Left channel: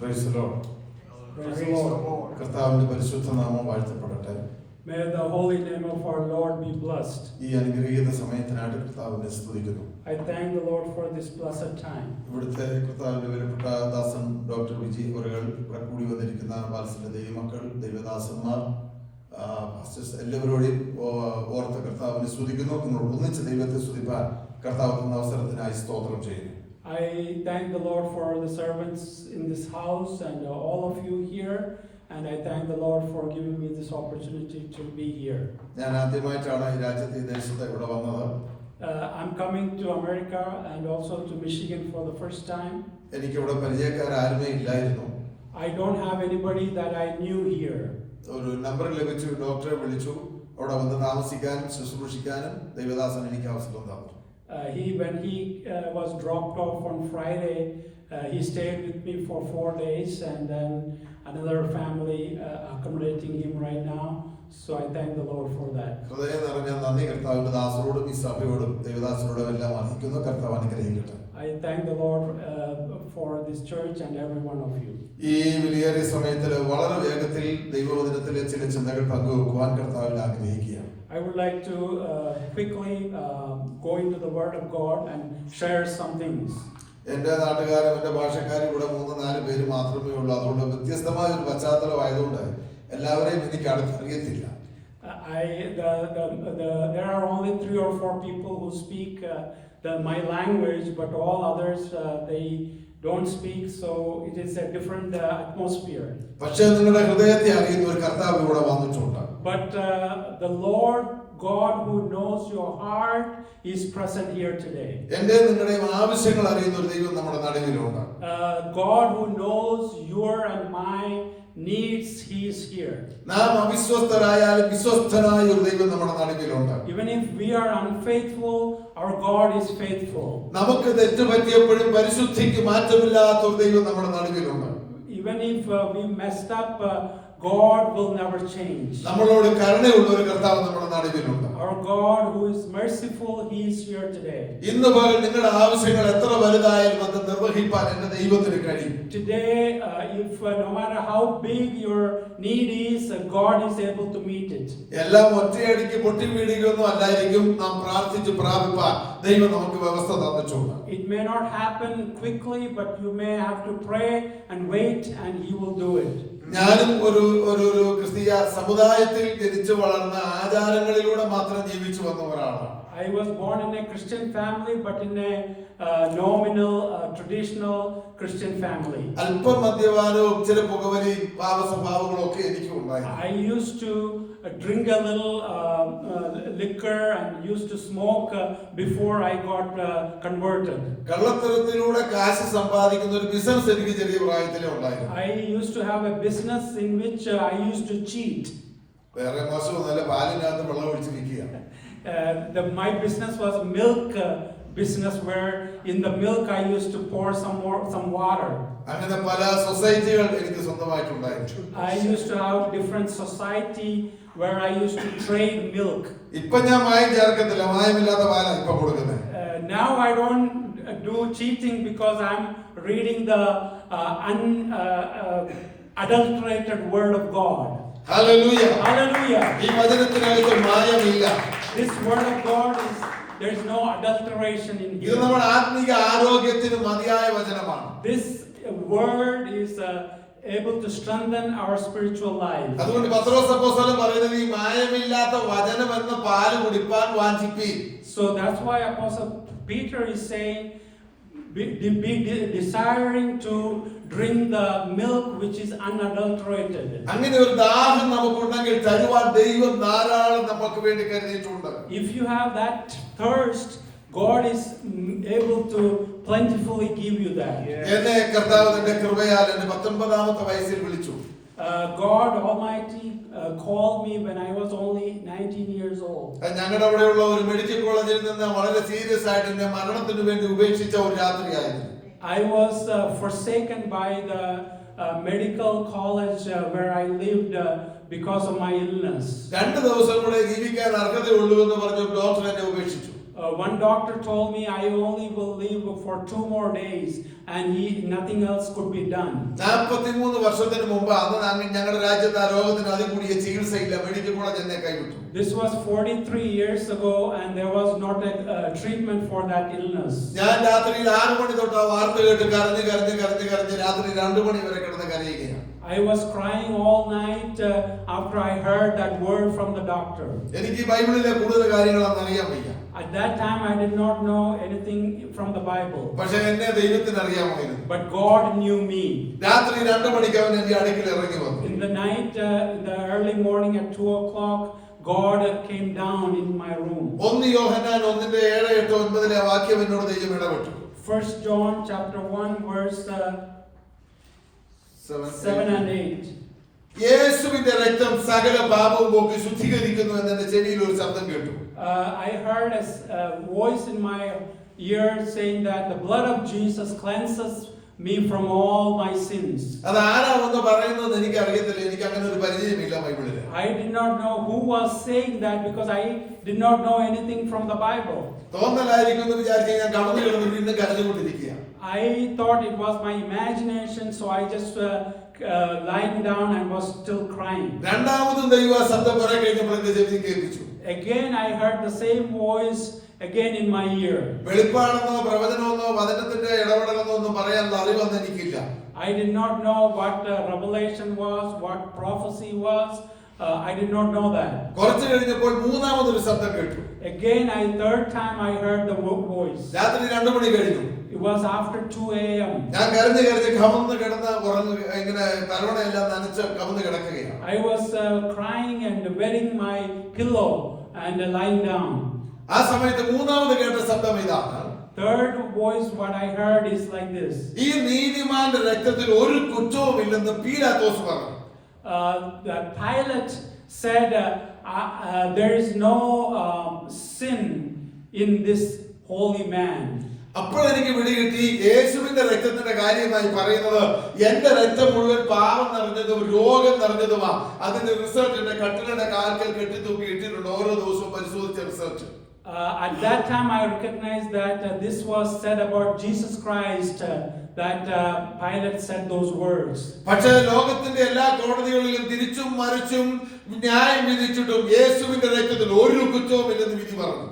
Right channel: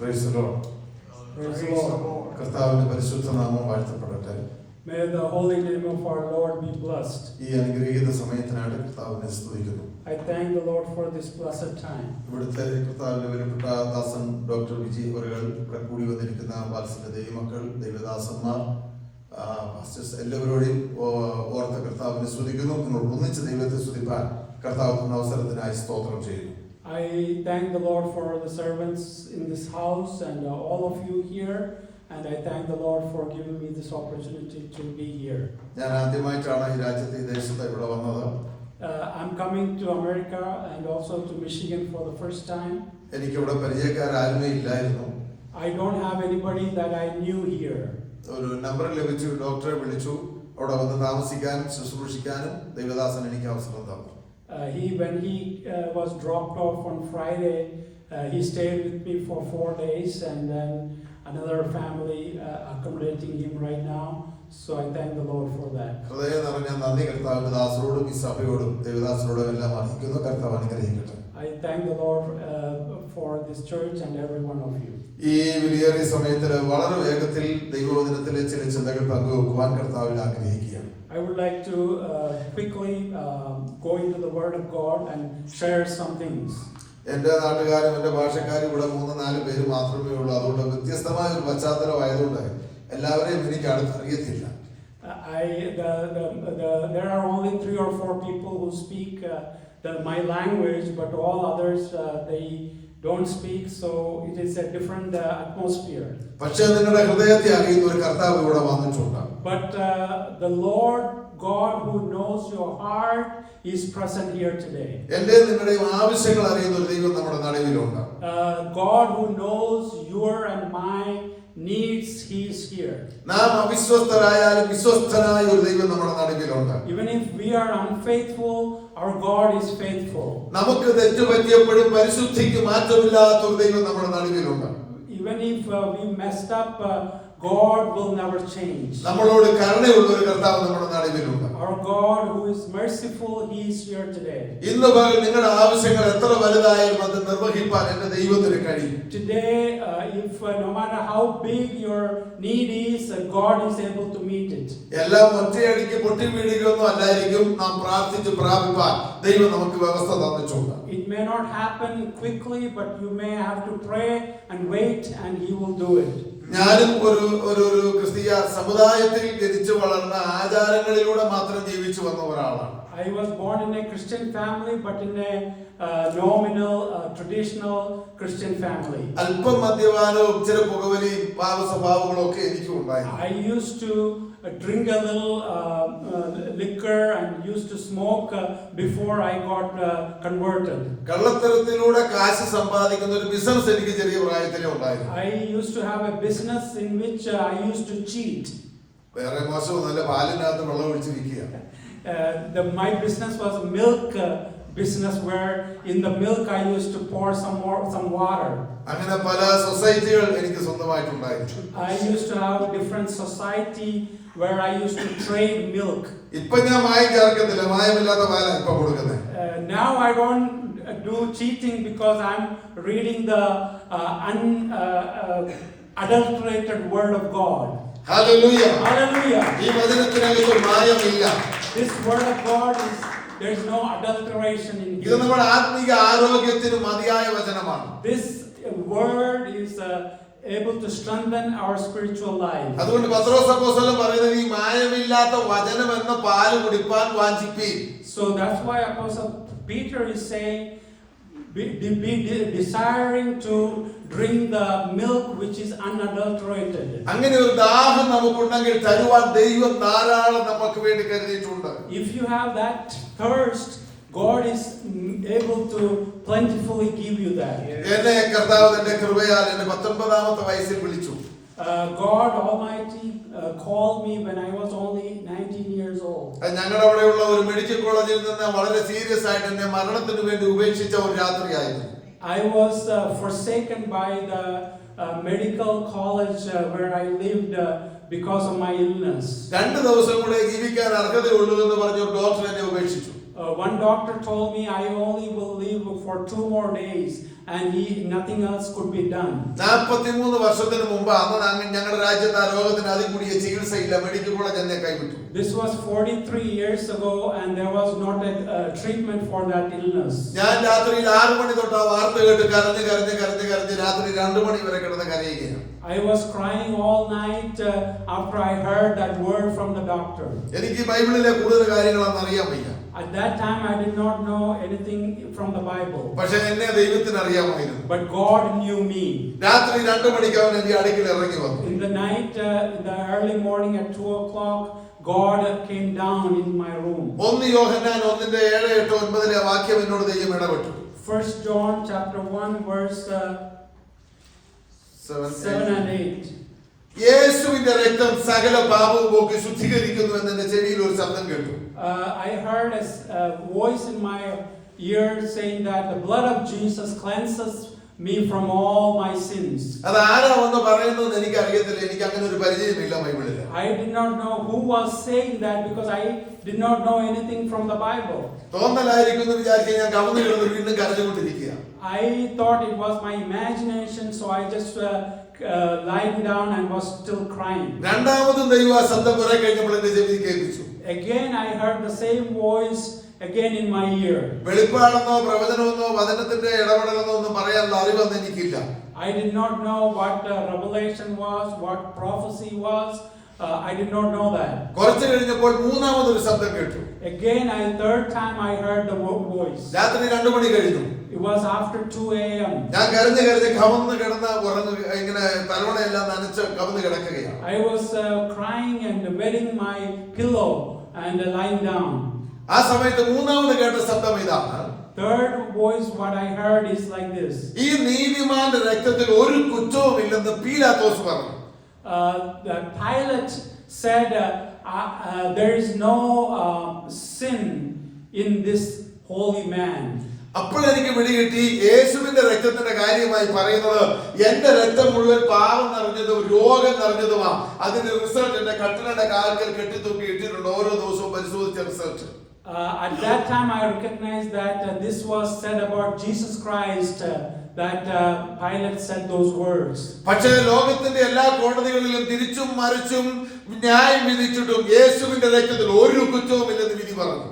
Praise the Lord. Praise the Lord. കർത്താവിന്റെ പരിശുദ്ധ നാമം വാഴ്ത്തപ്പെടട്ടെ. May the holy name of our Lord be blessed. ഈ അനുഗ്രഹീത സമയത്തിനായിട്ട് കർത്താവിനെ സ്തുതിക്കുന്നു. I thank the Lord for this blessed time. ഇവിടുത്തെ കർത്താവിന്റെ വിലപ്പെട്ട ദാസൻ ഡോക്ടർ വിജി അവர்கள் ഇവിടെ കൂടി വന്നിരിക്കുന്ന വാത്സല്യ ദൈവമക്കൾ, ദൈവദാസന്മാർ, എല്ലാവരോടും ഓർത്ത കർത്താവിനെ സ്തുതിക്കുന്നു. നിങ്ങൾ ഒന്നിച്ച് ദൈവത്തെ സ്തുതിപ്പാൻ കർത്താവ് തന്ന അവസരത്തിനായി സ്തോത്രം ചെയ്യുന്നു. I thank the Lord for the servants in this house and all of you here, and I thank the Lord for giving me this opportunity to be here. ഞാൻ ആദ്യമായിട്ടാണ് ഈ രാജ്യത്തെ ഈ ദേശത്ത് ഇവിടെ വന്നത്. I'm coming to America and also to Michigan for the first time. എനിക്ക് ഇവിടെ പരിചയക്കാരാരുമേ ഇല്ലായിരുന്നു. I don't have anybody that I knew here. ഒരു നമ്പർ ലഭിച്ചു, ഡോക്ടറെ വിളിച്ചു, അവിടെ വന്ന് താമസിക്കാനും ശുശ്രൂഷിക്കാനും ദൈവദാസൻ എനിക്ക് അവസരം തന്നു. When he was dropped off on Friday, he stayed with me for 4 days, and then another family accommodating him right now. So I thank the Lord for that. ഹൃദയം നിറഞ്ഞ നന്ദി കർത്താവിന്റെ ദാസരോടും ഈ സഭയോടും ദൈവദാസരോടും എല്ലാം അറിയിക്കുന്നു. കർത്താവ് അനുഗ്രഹിക്കട്ടെ. I thank the Lord for this church and every one of you. ഈ വിലയേറിയ സമയത്തിൽ വളരെ വേഗത്തിൽ ദൈവവചനത്തിലെ ചില ചിന്തകൾ പങ്കുവെക്കുവാൻ കർത്താവിൽ ആഗ്രഹിക്കുകയാണ്. I would like to quickly go into the Word of God and share some things. എന്റെ നാട്ടുകാരും എന്റെ ഭാഷക്കാരും ഇവിടെ 3-4 പേര് മാത്രമേ ഉള്ളൂ. അതുകൊണ്ട് വ്യത്യസ്തമായ ഒരു പശ്ചാത്തലമായതുകൊണ്ട് എല്ലാവരെയും എനിക്ക് അറിയത്തില്ല. There are only 3 or 4 people who speak my language, but all others they don't speak, so it is a different atmosphere. പക്ഷേ നിങ്ങളുടെ ഹൃദയത്തെ അറിയുന്ന ഒരു കർത്താവ് ഇവിടെ വന്നിട്ടുണ്ട്. But the Lord God who knows your heart is present here today. എൻ്റെ നിങ്ങളുടെയും ആവശ്യങ്ങൾ അറിയുന്ന ഒരു ദൈവം നമ്മുടെ നടുവിലുണ്ട്. God who knows your and my needs, he is here. നാം അവിശ്വസ്തരായാലും വിശ്വസ്തനായ ഒരു ദൈവം നമ്മുടെ നടുവിലുണ്ട്. Even if we are unfaithful, our God is faithful. നമുക്ക് തെറ്റുപറ്റിയപ്പോഴും പരിശുദ്ധിക്ക് മാറ്റമില്ലാത്ത ഒരു ദൈവം നമ്മുടെ നടുവിലുണ്ട്. Even if we messed up, God will never change. നമ്മളോട് കരുണയുള്ള ഒരു കർത്താവ് നമ്മുടെ നടുവിലുണ്ട്. Our God who is merciful, he is here today. ഇന്ന് പകൽ നിങ്ങളുടെ ആവശ്യങ്ങൾ എത്ര വലുതായാലും അത് നിർവഹിക്കാൻ എൻ്റെ ദൈവത്തിന് കഴിയും. Today, if no matter how big your need is, God is able to meet it. എല്ലാം ഒറ്റയടിക്ക് പൊട്ടി വീഴുകയൊന്നും അല്ലായിരിക്കും. നാം പ്രാർത്ഥിച്ച് പ്രാപിപ്പാൻ ദൈവം നമുക്ക് വ്യവസ്ഥ തന്നിട്ടുണ്ട്. It may not happen quickly, but you may have to pray and wait, and he will do it. ഞാനും ഒരു ക്രിസ്തീയ സമുദായത്തിൽ ജനിച്ചു വളർന്ന ആചാരങ്ങളിലൂടെ മാത്രം ജീവിച്ചു വന്ന ഒരാളാണ്. I was born in a Christian family, but in a nominal, traditional Christian family. അല്പം മദ്യപാനവും ചില പുകവലിയും പാപസ്വഭാവങ്ങളും ഒക്കെ എനിക്ക് ഉണ്ടായിരുന്നു. I used to drink a little liquor and used to smoke before I got converted. കള്ളത്തരത്തിലൂടെ കാശ് സമ്പാദിക്കുന്ന ഒരു ബിസിനസ് എനിക്ക് ചെറിയ പ്രായത്തിലേ ഉണ്ടായിരുന്നു. I used to have a business in which I used to cheat. വേറെ മോശവും നല്ല പാലിനകത്ത് വെള്ളം ഒഴിച്ച് വിൽക്കുക. My business was a milk business, where in the milk I used to pour some water. അങ്ങനെ പല സൊസൈറ്റികൾ എനിക്ക് സ്വന്തമായിട്ടുണ്ടായിരുന്നു. I used to have different society where I used to trade milk. ഇപ്പൊ ഞാൻ മായം ചേർക്കത്തില്ല, മായമില്ലാത്ത പാലാണ് ഇപ്പൊ കൊടുക്കുന്നത്. Now I don't do cheating because I'm reading the unadulterated word of God. Hallelujah. Hallelujah. ഈ വചനത്തിനകത്ത് മായമില്ല. This word of God is, there is no adulteration in ഇത് here. നമ്മുടെ ആത്മീക ആരോഗ്യത്തിന് മതിയായ വചനമാണ്. This word is able to strengthen our spiritual life. അതുകൊണ്ട് പത്രോസ് അപ്പോസ്തലൻ പറയുന്നത് ഈ മായമില്ലാത്ത വചനം എന്ന പാല് കുടിപ്പാൻ വാഞ്ചിപ്പീൻ. So that's why Apostle Peter is saying, be desiring to drink the milk which is unadulterated. അങ്ങനെ ഒരു ദാഹം നമുക്കുണ്ടെങ്കിൽ തരുവാൻ ദൈവം ധാരാളം നമുക്ക് വേണ്ടി കരുതിയിട്ടുണ്ട്. If you have that thirst, God is able to plentifully give you that. എന്നെ കർത്താവ് തന്റെ കൃപയാൽ എന്റെ 19ാമത്തെ വയസ്സിൽ വിളിച്ചു. God Almighty called me when I was only 19 years old. ഞങ്ങളുടെ അവിടെയുള്ള ഒരു മെഡിക്കൽ കോളേജിൽ നിന്ന് വളരെ സീരിയസ് ആയിട്ട് എന്നെ മരണത്തിന് വേണ്ടി ഉപേക്ഷിച്ച ഒരു രാത്രിയായിരുന്നു. I was forsaken by the medical college where I lived because of my illness. 2 ദിവസം കൂടെ ജീവിക്കാൻ അർഹതയുള്ളൂ എന്ന് പറഞ്ഞ ഒരു ഡോക്ടർ എന്നെ ഉപേക്ഷിച്ചു. One doctor told me I only will live for 2 more days and nothing else could be done. 43 വർഷത്തിന് മുമ്പ് അന്ന് ഞങ്ങളുടെ രാജ്യത്ത് ആ രോഗത്തിന് അതികൂടിയ ചികിത്സയില്ല. മെഡിക്കൽ കോളേജ് എന്നെ കൈവിട്ടു. This was 43 years ago and there was not a treatment for that illness. ഞാൻ രാത്രിയിൽ 6 മണി തൊട്ട് ആ വാർത്ത കേട്ട് കരഞ്ഞ് രാത്രി 2 മണി വരെ കിടന്ന് കരയുകയാണ്. I was crying all night after I heard that word from the doctor. എനിക്ക് ബൈബിളിലെ കൂടുതൽ കാര്യങ്ങളൊന്നും അറിയാൻ വയ്യ. At that time I did not know anything from the Bible. പക്ഷേ എന്നെ ദൈവത്തിന് അറിയാമായിരുന്നു. But God knew me. രാത്രി 2 മണിക്ക് അവൻ എന്റെ അടുക്കൽ ഇറങ്ങി വന്നു. In the night, in the early morning at 2 o'clock, God came down in my room. 1 യോഹന്നാൻ 1:7, 8, 9 വാക്യം എന്നോട് ദൈവം ഇടപെട്ടു. 1 John chapter 1 verse 7 and 8. യേശുവിന്റെ രക്തം സകല പാപവും പോക്കി ശുദ്ധീകരിക്കുന്നു എന്ന് എന്റെ ചെവിയിൽ ഒരു ശബ്ദം കേട്ടു. I heard a voice in my ear saying that the blood of Jesus cleanses me from all my sins. അത് ആരാ വന്ന് പറയുന്നത് എനിക്ക് അറിയത്തില്ല. എനിക്ക് അങ്ങനെ ഒരു പരിചയമില്ല ബൈബിളിൽ. I did not know who was saying that because I did not know anything from the Bible. തോന്നലായിരിക്കും എന്ന് വിചാരിച്ച് ഞാൻ കവിഞ്ഞു കിടന്ന് വീണ്ടും കരഞ്ഞുകൊണ്ടിരിക്കുക. I thought it was my imagination, so I just lying down and was still crying. രണ്ടാമതും ദൈവം ആ ശബ്ദം കുറെ കഴിഞ്ഞപ്പോൾ എന്റെ ചെവിയിൽ കേൾപ്പിച്ചു. Again I heard the same voice again in my ear. വെളിപ്പാടെന്നോ പ്രവചനമെന്നോ വചനത്തിന്റെ ഇടപെടലെന്നോ ഒന്നും പറയാനുള്ള അറിവൊന്നും എനിക്കില്ല. I did not know what revelation was, what prophecy was. I did not know that. കുറച്ച് കഴിഞ്ഞപ്പോൾ മൂന്നാമതൊരു ശബ്ദം കേട്ടു. Again, third time I heard the voice. രാത്രി 2 മണി കഴിഞ്ഞു. It was after 2 a.m. ഞാൻ കരഞ്ഞ് കമന്ന് കിടന്ന് ഉറങ്ങുക, ഇങ്ങനെ തലവണയെല്ലാം നനച്ച് കമന്ന് കിടക്കുകയാണ്. I was crying and wetting my pillow and lying down. ആ സമയത്ത് മൂന്നാമത് കേട്ട ശബ്ദം ഇതാണ്. Third voice what I heard is like this. ഈ നീതിമാന്റെ രക്തത്തിൽ ഒരു കുറ്റവും ഇല്ലെന്ന് പീലാത്തോസ് പറഞ്ഞു. The Pilate said there is no sin in this holy man. അപ്പോഴെനിക്ക് പിടികിട്ടി യേശുവിന്റെ രക്തത്തിന്റെ കാര്യമായി പറയുന്നത് എന്റെ രക്തം മുഴുവൻ പാപം നിറഞ്ഞതും രോഗം നിറഞ്ഞതുമാ. അതിന്റെ റിസൾട്ട് എന്റെ കട്ടിലയുടെ കാൽക്കൽ കെട്ടിത്തൂക്കി ഇട്ടിട്ടുണ്ട് ഓരോ ദിവസവും പരിശോധിച്ച result. At that time I recognized that this was said about Jesus Christ, that Pilate said those words. പക്ഷേ ലോകത്തിന്റെ എല്ലാ കോടതികളിലും തിരിച്ചും മറിച്ചും ന്യായം വിധിച്ചിട്ടും യേശുവിന്റെ രക്തത്തിൽ ഒരു കുറ്റവും ഇല്ലെന്ന് വിധി പറഞ്ഞു.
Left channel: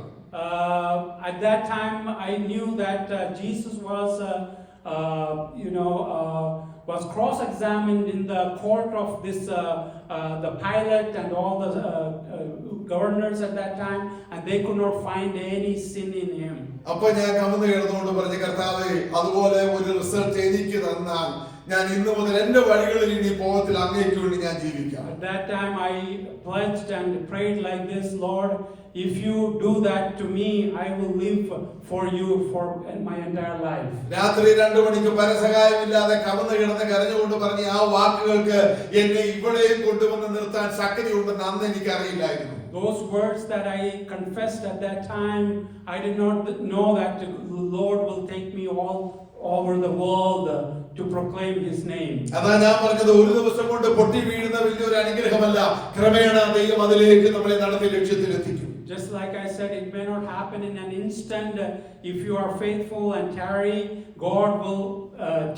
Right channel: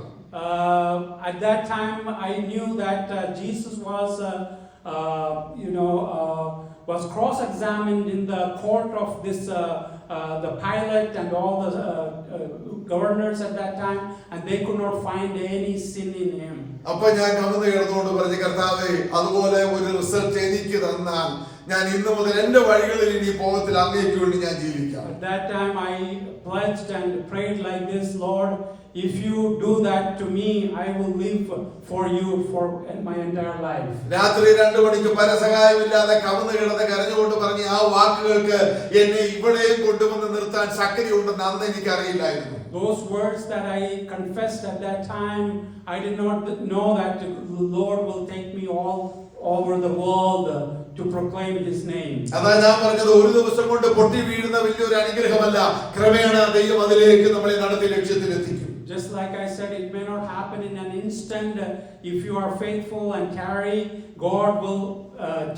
At that time I knew that Jesus was was cross-examined in the court of this the Pilate and all the governors at that time, and they could not find any sin in him. അപ്പോൾ ഞാൻ കമന്ന് കിടന്നുകൊണ്ട് പറഞ്ഞു, കർത്താവേ, അതുപോലെ ഒരു റിസൾട്ട് എനിക്ക് തന്നാൽ ഞാൻ ഇന്നു മുതൽ എന്റെ വഴികളിൽ ഇനി പോകത്തില്ല, അങ്ങേക്ക് വേണ്ടി ഞാൻ ജീവിക്കാം. At that time I pledged and prayed like this, Lord, if you do that to me, I will live for you for my entire life. രാത്രി 2 മണിക്ക് പരസഹായമില്ലാതെ കമന്ന് കിടന്ന് കരഞ്ഞുകൊണ്ട് പറഞ്ഞ ആ വാക്കുകൾക്ക് എന്നെ ഇവിടെയും കൊണ്ടുവന്ന് നിർത്താൻ ശക്തിയുണ്ടെന്ന് അന്ന് എനിക്ക് അറിയില്ലായിരുന്നു. Those words that I confessed at that time, I did not know that the Lord will take me all over the world to proclaim his name. അതാ ഞാൻ പറഞ്ഞത്, ഒരു ദിവസം കൊണ്ട് പൊട്ടി വീഴുന്ന വലിയൊരു അനുഗ്രഹമല്ല, ക്രമേണ ദൈവം അതിലേക്ക് നമ്മളെ നടത്തി ലക്ഷ്യത്തിലെത്തിക്കും. Just like I said, it may not happen in an instant. If you are faithful and tarry, God will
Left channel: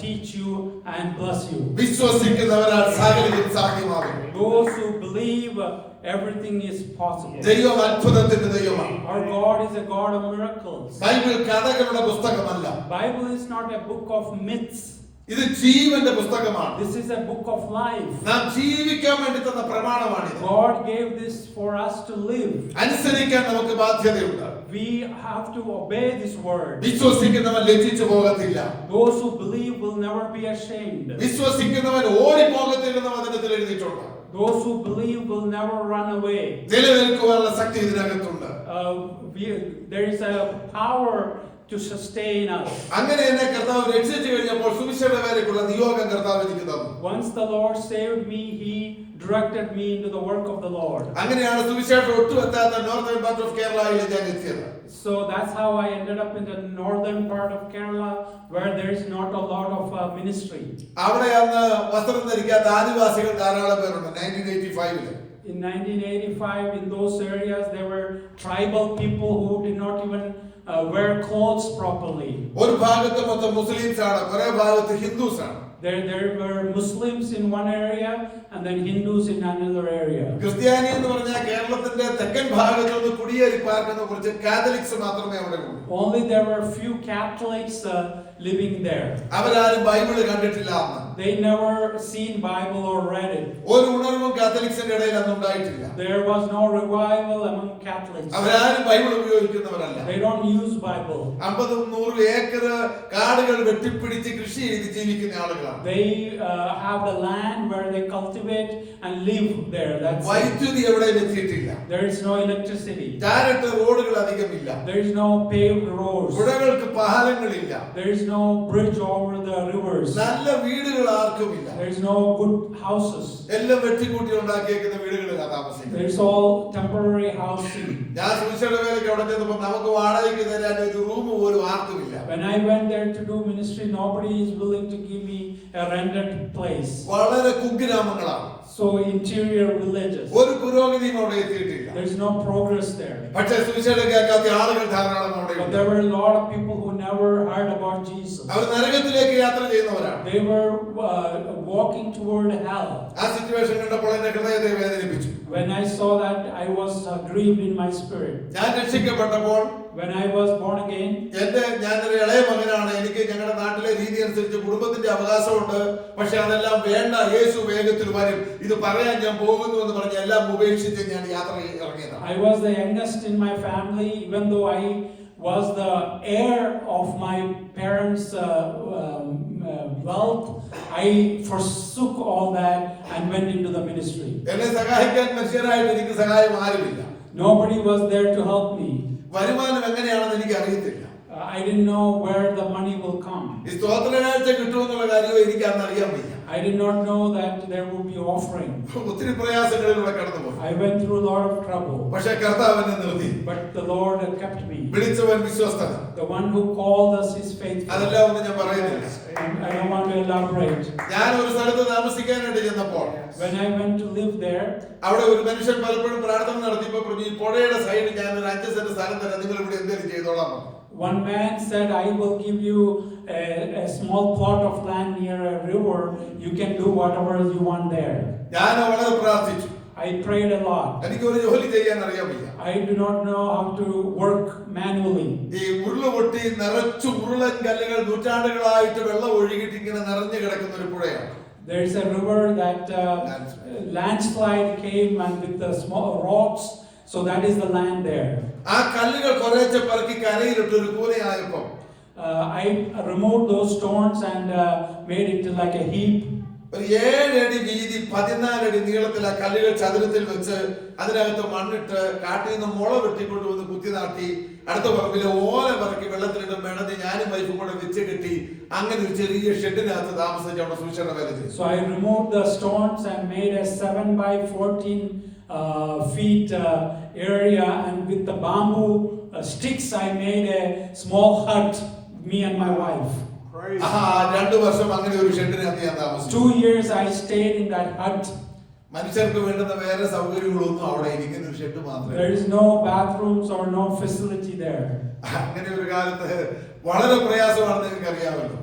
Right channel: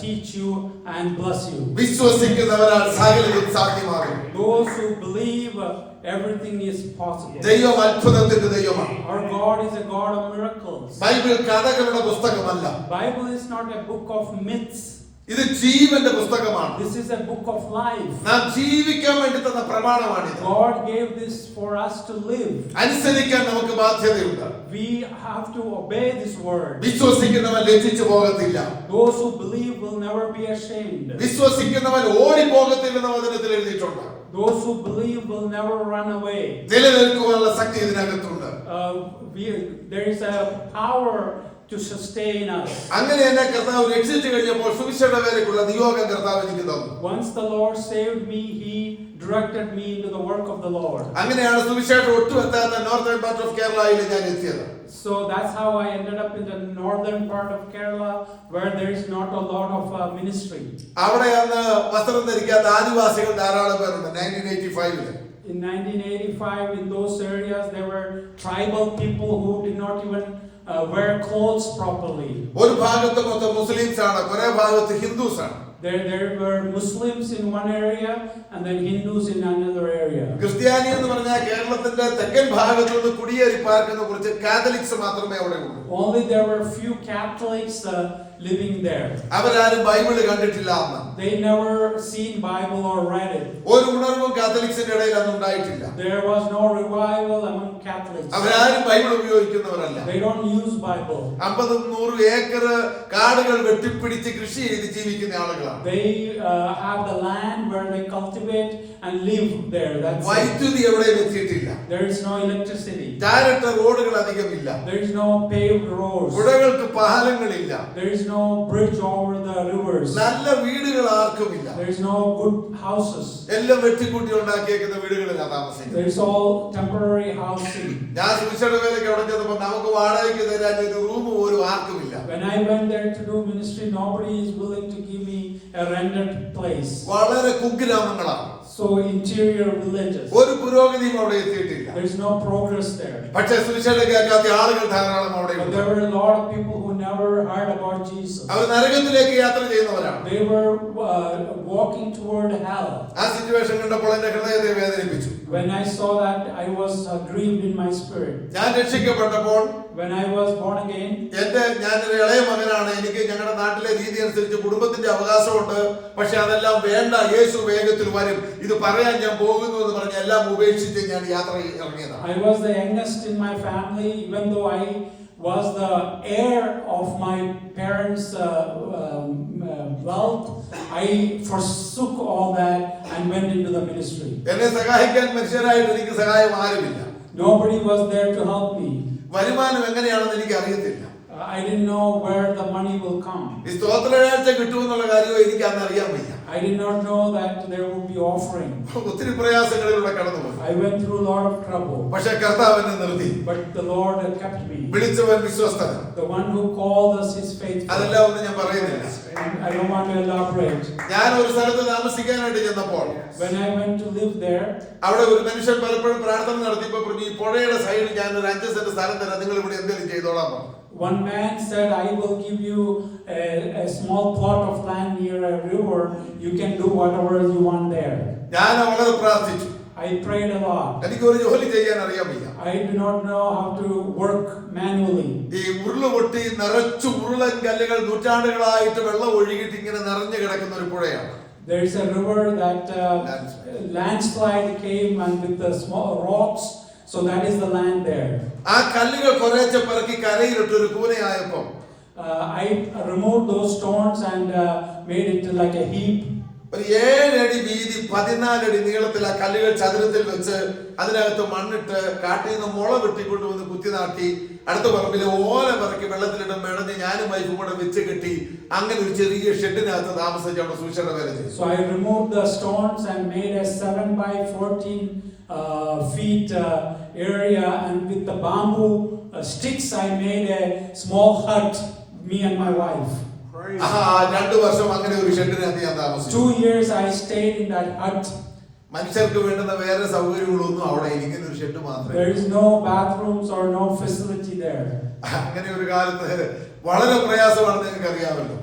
teach you and bless you. വിശ്വസിക്കുന്നവരാൽ സകലതും സാധ്യമാകും. Those who believe, everything is possible. ദൈവം അത്ഭുതത്തിന്റെ ദൈവമാണ്. Our God is a God of miracles. Bible കഥകളുടെ പുസ്തകമല്ല. Bible is not a book of myths. ഇത് ജീവന്റെ പുസ്തകമാണ്. This is a book of life. നാം ജീവിക്കാൻ വേണ്ടി തന്ന പ്രമാണമാണ്. God gave this for us to live. അനുസരിക്കാൻ നമുക്ക് ബാധ്യതയുണ്ട്. We have to obey this word. വിശ്വസിക്കുന്നവൻ ലജ്ജിച്ചു പോകത്തില്ല. Those who believe will never be ashamed. വിശ്വസിക്കുന്നവൻ ഓടി പോകത്തില്ലെന്ന് വചനത്തിൽ എഴുതിയിട്ടുണ്ട്. Those who believe will never run away. നിലനിൽക്കുവാനുള്ള ശക്തി ഇതിനകത്തുണ്ട്. There is a power to sustain us. അങ്ങനെ എന്നെ കർത്താവ് രക്ഷിച്ചു കഴിഞ്ഞപ്പോൾ സുവിശേഷ വേലയ്ക്കുള്ള നിയോഗം കർത്താവ് എനിക്ക് തന്നു. Once the Lord saved me, he directed me into the work of the Lord. അങ്ങനെയാണ് സുവിശേഷം ഒട്ടുമെത്താത്ത നോർത്തേൺ പാർട്ട് ഓഫ് കേരളയിൽ ഞാൻ എത്തിയത്. So that's how I ended up in the northern part of Kerala, where there is not a lot of ministry. അവിടെ അന്ന് വസ്ത്രം ധരിക്കാത്ത ആദിവാസികൾ ധാരാളം പേരുണ്ട്. 1985 In 1985, in those areas, there were tribal people who did not even wear clothes properly. ഒരു ഭാഗത്ത് മൊത്തം മുസ്ലിംസ് ആണ്, കുറെ ഭാഗത്ത് ഹിന്ദുസ് ആണ്. There were Muslims in one area and then Hindus in another area. ക്രിസ്ത്യാനി എന്ന് പറഞ്ഞാൽ കേരളത്തിന്റെ തെക്കൻ ഭാഗത്ത് നിന്ന് കുടിയേറി പാർക്കുന്ന കുറച്ച് കാത്തലിക്സ് മാത്രമേ അവിടെ ഉള്ളൂ. Only there were few Catholics living there. അവരാരും ബൈബിൾ കണ്ടിട്ടില്ല അന്ന്. They never seen Bible or read it. ഒരു ഉണർവും കാത്തലിക്സിന്റെ ഇടയിൽ അന്ന് ഉണ്ടായിട്ടില്ല. There was no revival among Catholics. അവരാരും ബൈബിൾ ഉപയോഗിക്കുന്നവരല്ല. They don't use Bible. 50-100 acre കാടുകൾ വെട്ടിപ്പിടിച്ച് കൃഷി ചെയ്ത് ജീവിക്കുന്ന ആളുകളാണ്. They have the land where they cultivate and live there. That's വൈദ്യുതി എവിടെയും എത്തിയിട്ടില്ല. There is no electricity. ടാറിട്ട റോഡുകൾ അധികമില്ല. There is no paved roads. പുഴകൾക്ക് പാലങ്ങളില്ല. There is no bridge over the rivers. നല്ല വീടുകൾ ആർക്കുമില്ല. There is no good houses. എല്ലാം വെട്ടിക്കൂട്ടി ഉണ്ടാക്കിയേക്കുന്ന വീടുകളിലാണ് താമസിക്കുന്നത്. There is all temporary housing. ഞാൻ സുവിശേഷ വേലയ്ക്ക് അവിടെ ചെന്നപ്പോൾ നമുക്ക് വാടകയ്ക്ക് തരാൻ ഒരു റൂം പോലും ആർക്കുമില്ല. When I went there to do ministry, nobody is willing to give me a rented place. വളരെ കുഗ്രാമങ്ങളാണ്. So interior villages. ഒരു പുരോഗതിയും അവിടെ എത്തിയിട്ടില്ല. There is no progress there. പക്ഷേ സുവിശേഷം കേൾക്കാത്ത ആളുകൾ ധാരാളം അവിടെ But ഉണ്ട്. there were a lot of people who never heard about Jesus. അവർ നരകത്തിലേക്ക് യാത്ര ചെയ്യുന്നവരാണ്. They were walking toward hell. ആ സിറ്റുവേഷൻ കണ്ടപ്പോൾ എന്റെ ഹൃദയത്തെ വേദനിപ്പിച്ചു. When I saw that, I was grieved in my spirit. ഞാൻ രക്ഷിക്കപ്പെട്ടപ്പോൾ When I was born again, ഞാനൊരു ഇളയ മകനാണ്. എനിക്ക് ഞങ്ങളുടെ നാട്ടിലെ രീതി അനുസരിച്ച് കുടുംബത്തിന്റെ അവകാശമുണ്ട്. പക്ഷെ അതെല്ലാം വേണ്ട, യേശു വേഗത്തിൽ വരും, ഇത് പറയാൻ ഞാൻ പോകുന്നു എന്ന് പറഞ്ഞ് എല്ലാം ഉപേക്ഷിച്ച് ഞാൻ യാത്ര ഇറങ്ങിയതാണ്. I was the youngest in my family, even though I was the heir of my parents' wealth. I forsook all that and went into the ministry. എന്നെ സഹായിക്കാൻ മനുഷ്യരായിട്ട് എനിക്ക് സഹായം ആരുമില്ല. Nobody was there to help me. വരുമാനം എങ്ങനെയാണെന്ന് എനിക്ക് അറിയത്തില്ല. I didn't know where the money will come. ഈ സ്തോത്രയാഴ്ച കിട്ടുമെന്നുള്ള കാര്യമോ എനിക്ക് അന്ന് അറിയാൻ വയ്യ. I did not know that there would be offering. ഒത്തിരി പ്രയാസങ്ങളിലൂടെ കടന്നുപോയി. I went through a lot of trouble. പക്ഷേ കർത്താവ് എന്നെ നിർത്തി. But the Lord kept me. വിളിച്ചവൻ വിശ്വസ്തനാണ്. The one who called us is faithful. അതെല്ലാം ഒന്നും ഞാൻ പറയുന്നില്ല. I don't want to elaborate. ഞാൻ ഒരു സ്ഥലത്ത് താമസിക്കാനായിട്ട് ചെന്നപ്പോൾ When I went to live there, അവിടെ ഒരു മനുഷ്യൻ പലപ്പോഴും പ്രാർത്ഥന നടത്തിയപ്പോൾ പറഞ്ഞു, ഈ പുഴയുടെ സൈഡിൽ ഞാൻ ഒരു 5 സെന്റ് സ്ഥലം തരാം, നിങ്ങൾ ഇവിടെ എന്തെങ്കിലും ചെയ്തോളാം. one man said, I will give you a small plot of land near a river. You can do whatever you want there. ഞാൻ വളരെ പ്രാർത്ഥിച്ചു. I prayed a lot. എനിക്ക് ഒരു ജോലി ചെയ്യാൻ അറിയാൻ വയ്യ. I do not know how to work manually. ഈ ഉരുളുപൊട്ടി നിറച്ചു ഉരുളൻ കല്ലുകൾ നൂറ്റാണ്ടുകളായിട്ട് വെള്ളം ഒഴുകിയിട്ട് ഇങ്ങനെ നിറഞ്ഞു കിടക്കുന്ന ഒരു പുഴയാണ്. There is a river that landslide came and with the small rocks. So that is the land there. ആ കല്ലുകൾ കുറേശ്ശെ പറക്കി കരയിലിട്ട് ഒരു കൂനയായപ്പോൾ I removed those stones and made it like a heap. ഒരു 7 അടി വീതി 14 അടി നീളത്തിൽ ആ കല്ലുകൾ ചതുരത്തിൽ വെച്ച് അതിനകത്ത് മണ്ണിട്ട് കാട്ടിൽ നിന്ന് മുള വെട്ടിക്കൊണ്ടുവന്ന് കുത്തി നാട്ടി അടുത്ത പറമ്പിലെ ഓല പറക്കി വെള്ളത്തിലിട്ട് മെടഞ്ഞ് ഞാനും വൈഫും കൂടെ വെച്ച് കെട്ടി അങ്ങനെ ഒരു ചെറിയ ഷെഡിനകത്ത് താമസിച്ച് അവിടെ സൂക്ഷിച്ച വേല ചെയ്തു. So I removed the stones and made a 7x14 feet area, and with the bamboo sticks I made a small hut, me and my wife. 2 വർഷം അങ്ങനെ ഒരു ഷെഡിനകത്ത് ഞാൻ താമസിച്ചു. 2 years I stayed in that hut. മനുഷ്യർക്ക് വേണ്ടുന്ന വേറെ സൗകര്യങ്ങളൊന്നും അവിടെ ഇരിക്കുന്ന ഒരു ഷെഡ് മാത്രമേ. There is no bathrooms or no facility there. അങ്ങനെ ഒരു കാലത്ത് വളരെ പ്രയാസമാണെന്ന് നിങ്ങൾക്ക് അറിയാമല്ലോ.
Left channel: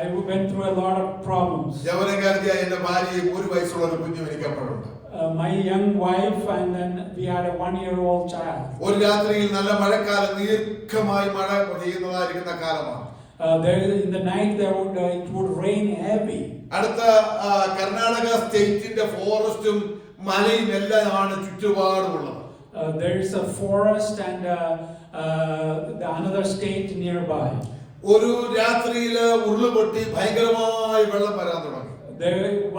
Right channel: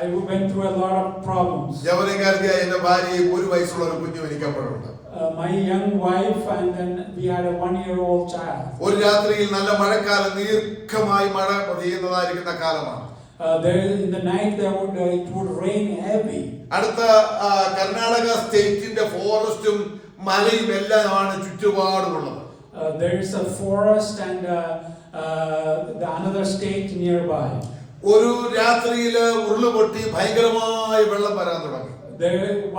I went through a lot of problems. യൗവനക്കാരിയായ എന്റെ ഭാര്യയും 1 വയസ്സുള്ള ഒരു കുഞ്ഞും എനിക്ക് അപ്പോഴുണ്ട്. My young wife, and then we had a 1-year-old child. ഒരു രാത്രിയിൽ നല്ല മഴക്കാലം ദീർഘമായി മഴ പെയ്യുന്നതായിരിക്കുന്ന കാലമാണ്. In the night it would rain heavy. അടുത്ത കർണാടക സ്റ്റേറ്റിന്റെ ഫോറസ്റ്റും മലയും എല്ലാമാണ് ചുറ്റുപാടുമുള്ളത്. There is a forest and another state nearby. ഒരു രാത്രിയിൽ ഉരുളുപൊട്ടി ഭയങ്കരമായി വെള്ളം വരാൻ തുടങ്ങി.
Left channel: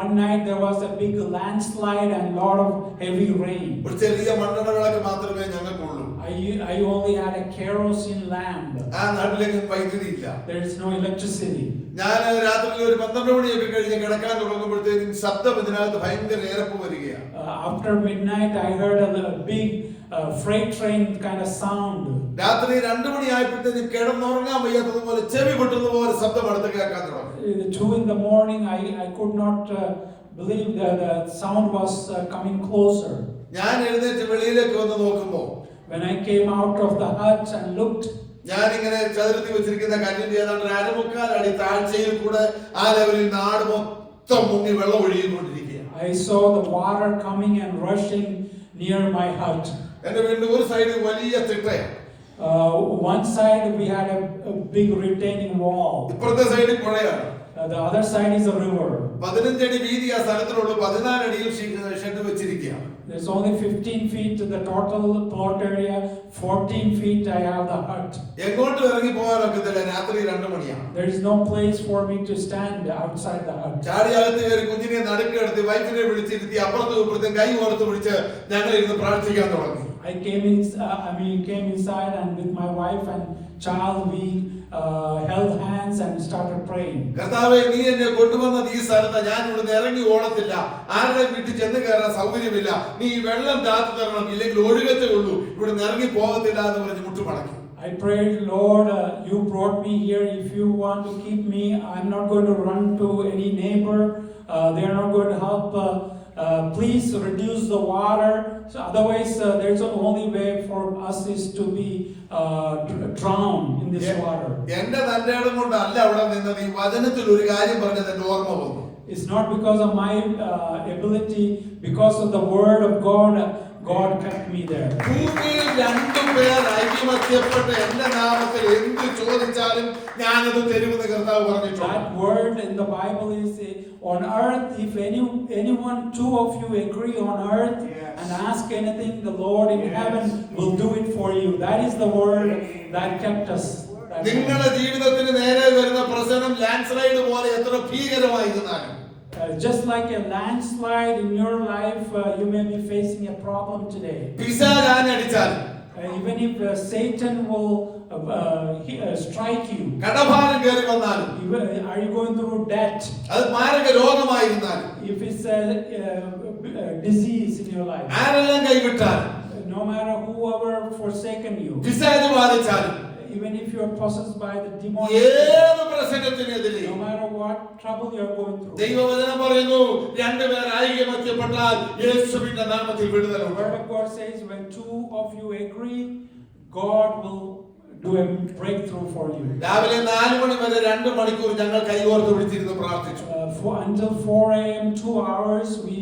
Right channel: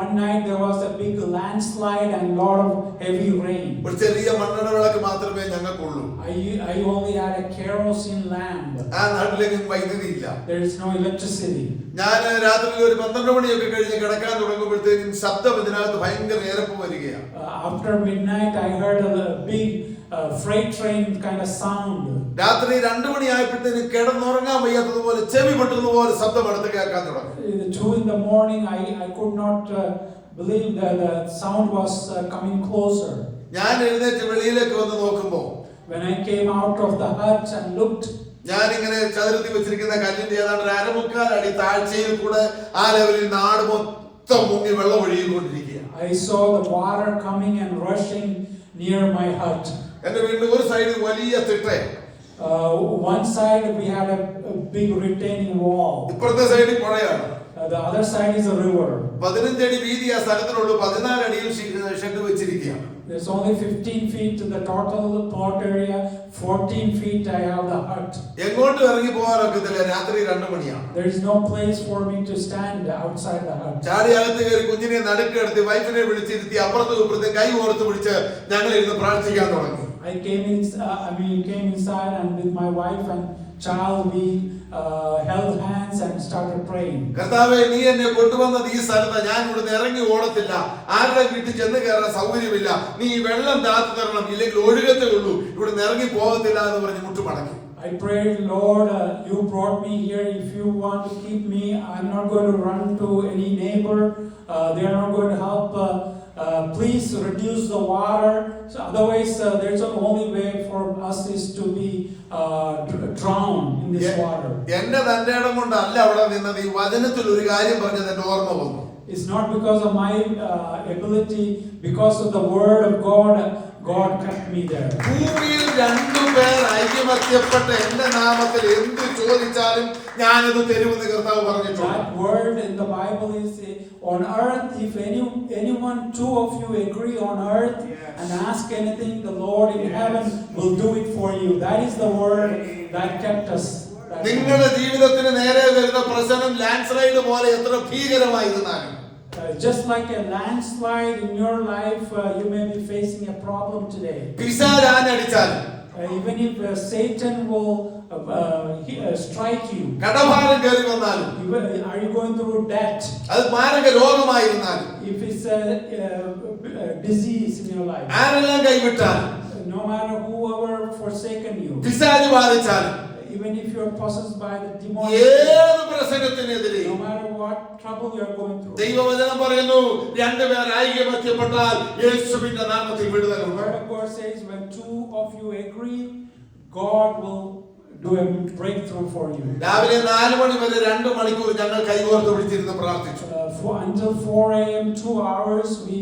One night there was a big landslide and lot of heavy rain. ഒരു ചെറിയ മണ്ണെണ്ണ വിളക്ക് മാത്രമേ ഞങ്ങൾക്കുള്ളൂ. I only had a kerosene lamp. ആ നാട്ടിലേക്ക് വൈദ്യുതി ഇല്ല. There is no electricity. ഞാൻ രാത്രിയിൽ ഒരു 12 മണിയൊക്കെ കഴിഞ്ഞ് കിടക്കാൻ തുടങ്ങുമ്പോഴത്തേക്കും ശബ്ദം ഇതിനകത്ത് ഭയങ്കര ഏറപ്പ് വരികയാണ്. After midnight I heard a big freight train kind of sound. രാത്രി 2 മണിയായപ്പോഴത്തേക്കും കിടന്നുറങ്ങാൻ വയ്യാത്തതുപോലെ ചെവി പൊട്ടുന്നതുപോലെ ശബ്ദം അടുത്ത് കേൾക്കാൻ തുടങ്ങി. 2 in the morning I could not believe that the sound was coming closer. ഞാൻ എഴുന്നേറ്റ് വെളിയിലേക്ക് വന്ന് നോക്കുമ്പോൾ When I came out of the hut and looked, ഞാനിങ്ങനെ ചതുരത്തി വെച്ചിരിക്കുന്ന കല്ലിന്റെ ഏതാണ്ട് ഒരു അരമുക്കാൽ അടി താഴ്ചയിൽ കൂടെ ആ ലെവലിൽ നാട് മൊത്തം മുങ്ങി വെള്ളം ഒഴുകിക്കൊണ്ടിരിക്കുക. I saw the water coming and rushing near my hut. എന്റെ വീടിന്റെ ഒരു സൈഡ് വലിയ തിട്ടയാണ്. One side we had a big retaining wall. ഇപ്പുറത്തെ സൈഡിൽ പുഴയാണ്. The other side is a river. 15 അടി വീതി ആ സ്ഥലത്തിനുള്ളൂ. 14 അടിയിൽ ഷെഡ് വെച്ചിരിക്കുകയാണ്. There's only 15 feet to the total plot area. 14 feet I have the hut. എങ്ങോട്ടും ഇറങ്ങി പോകാനൊക്കത്തില്ല. രാത്രി 2 മണിയാണ്. There is no place for me to stand outside the hut. ചാടി അകത്ത് കയറി കുഞ്ഞിനെ നടുക്കെടുത്ത് വൈഫിനെ വിളിച്ചിരുത്തി അപ്പുറത്തും ഇപ്പുറത്തും കൈ ഓർത്ത് പിടിച്ച് ഞങ്ങൾ ഇരുന്ന് പ്രാർത്ഥിക്കാൻ തുടങ്ങി. I came inside and with my wife and child we held hands and started praying. കർത്താവേ, നീ എന്നെ കൊണ്ടുവന്നത് ഈ സ്ഥലത്ത്, ഞാൻ ഇവിടുന്ന് ഇറങ്ങി ഓടത്തില്ല, ആരുടെ വീട്ടിൽ ചെന്ന് കയറാൻ സൗകര്യമില്ല, നീ ഈ വെള്ളം താത്തു തരണം, ഇല്ലെങ്കിൽ ഒഴുകത്തേ ഉള്ളൂ, ഇവിടുന്ന് ഇറങ്ങി പോകത്തില്ല എന്ന് പറഞ്ഞ് മുട്ടുമടക്കി. I prayed, Lord, you brought me here. If you want to keep me, I'm not going to run to any neighbor. They are not going to help. Please reduce the water. So otherwise, there's the only way for us is to be drowned in this water. എന്റെ തന്റെ ഇടം കൊണ്ടല്ല അവിടെ നിന്നത്. ഈ വചനത്തിൽ ഒരു കാര്യം പറഞ്ഞത് എന്റെ ഓർമ്മ വന്നു. It's not because of my ability, because of the word of God. God kept me there. ഭൂമിയിൽ 2 പേർ ഐക്യമത്യപ്പെട്ട് എന്റെ നാമത്തിൽ എന്ത് ചോദിച്ചാലും ഞാനത് തരുമെന്ന് കർത്താവ് പറഞ്ഞിട്ടുണ്ട്. That word in the Bible is on earth, if anyone 2 of you agree on earth and ask anything, the Lord in heaven will do it for you. That is the word that kept us. നിങ്ങളുടെ ജീവിതത്തിന് നേരെ വരുന്ന പ്രശ്നം ലാൻഡ്സ്ലൈഡ് പോലെ എത്ര ഭീകരമായിരുന്നാലും, just like a landslide in your life, you may be facing a problem today. പിശാച് ആഞ്ഞടിച്ചാൽ, even if Satan will strike you, കടഭാരം കയറി വന്നാലും, are you going through debt, അത് മാരക രോഗമായിരുന്നാലും, if it's a disease in your life, ആരെല്ലാം കൈവിട്ടാൽ, no matter whoever forsaken you, പിശാച് ബാധിച്ചാലും, even if you are possessed by the demon, ഏത് പ്രശ്നത്തിനെതിരെ, no matter what trouble you are going through, ദൈവവചനം പറയുന്നു 2 പേർ ഐക്യമത്യപ്പെട്ടാൽ യേശുവിന്റെ നാമത്തിൽ വിടുതൽ. the word of God says when 2 of you agree, God will do a breakthrough for you. രാവിലെ 4 മണി വരെ 2 മണിക്കൂർ ഞങ്ങൾ കൈകോർത്ത് പിടിച്ചിരുന്ന് പ്രാർത്ഥിച്ചു. Until 4 a.m. 2 hours we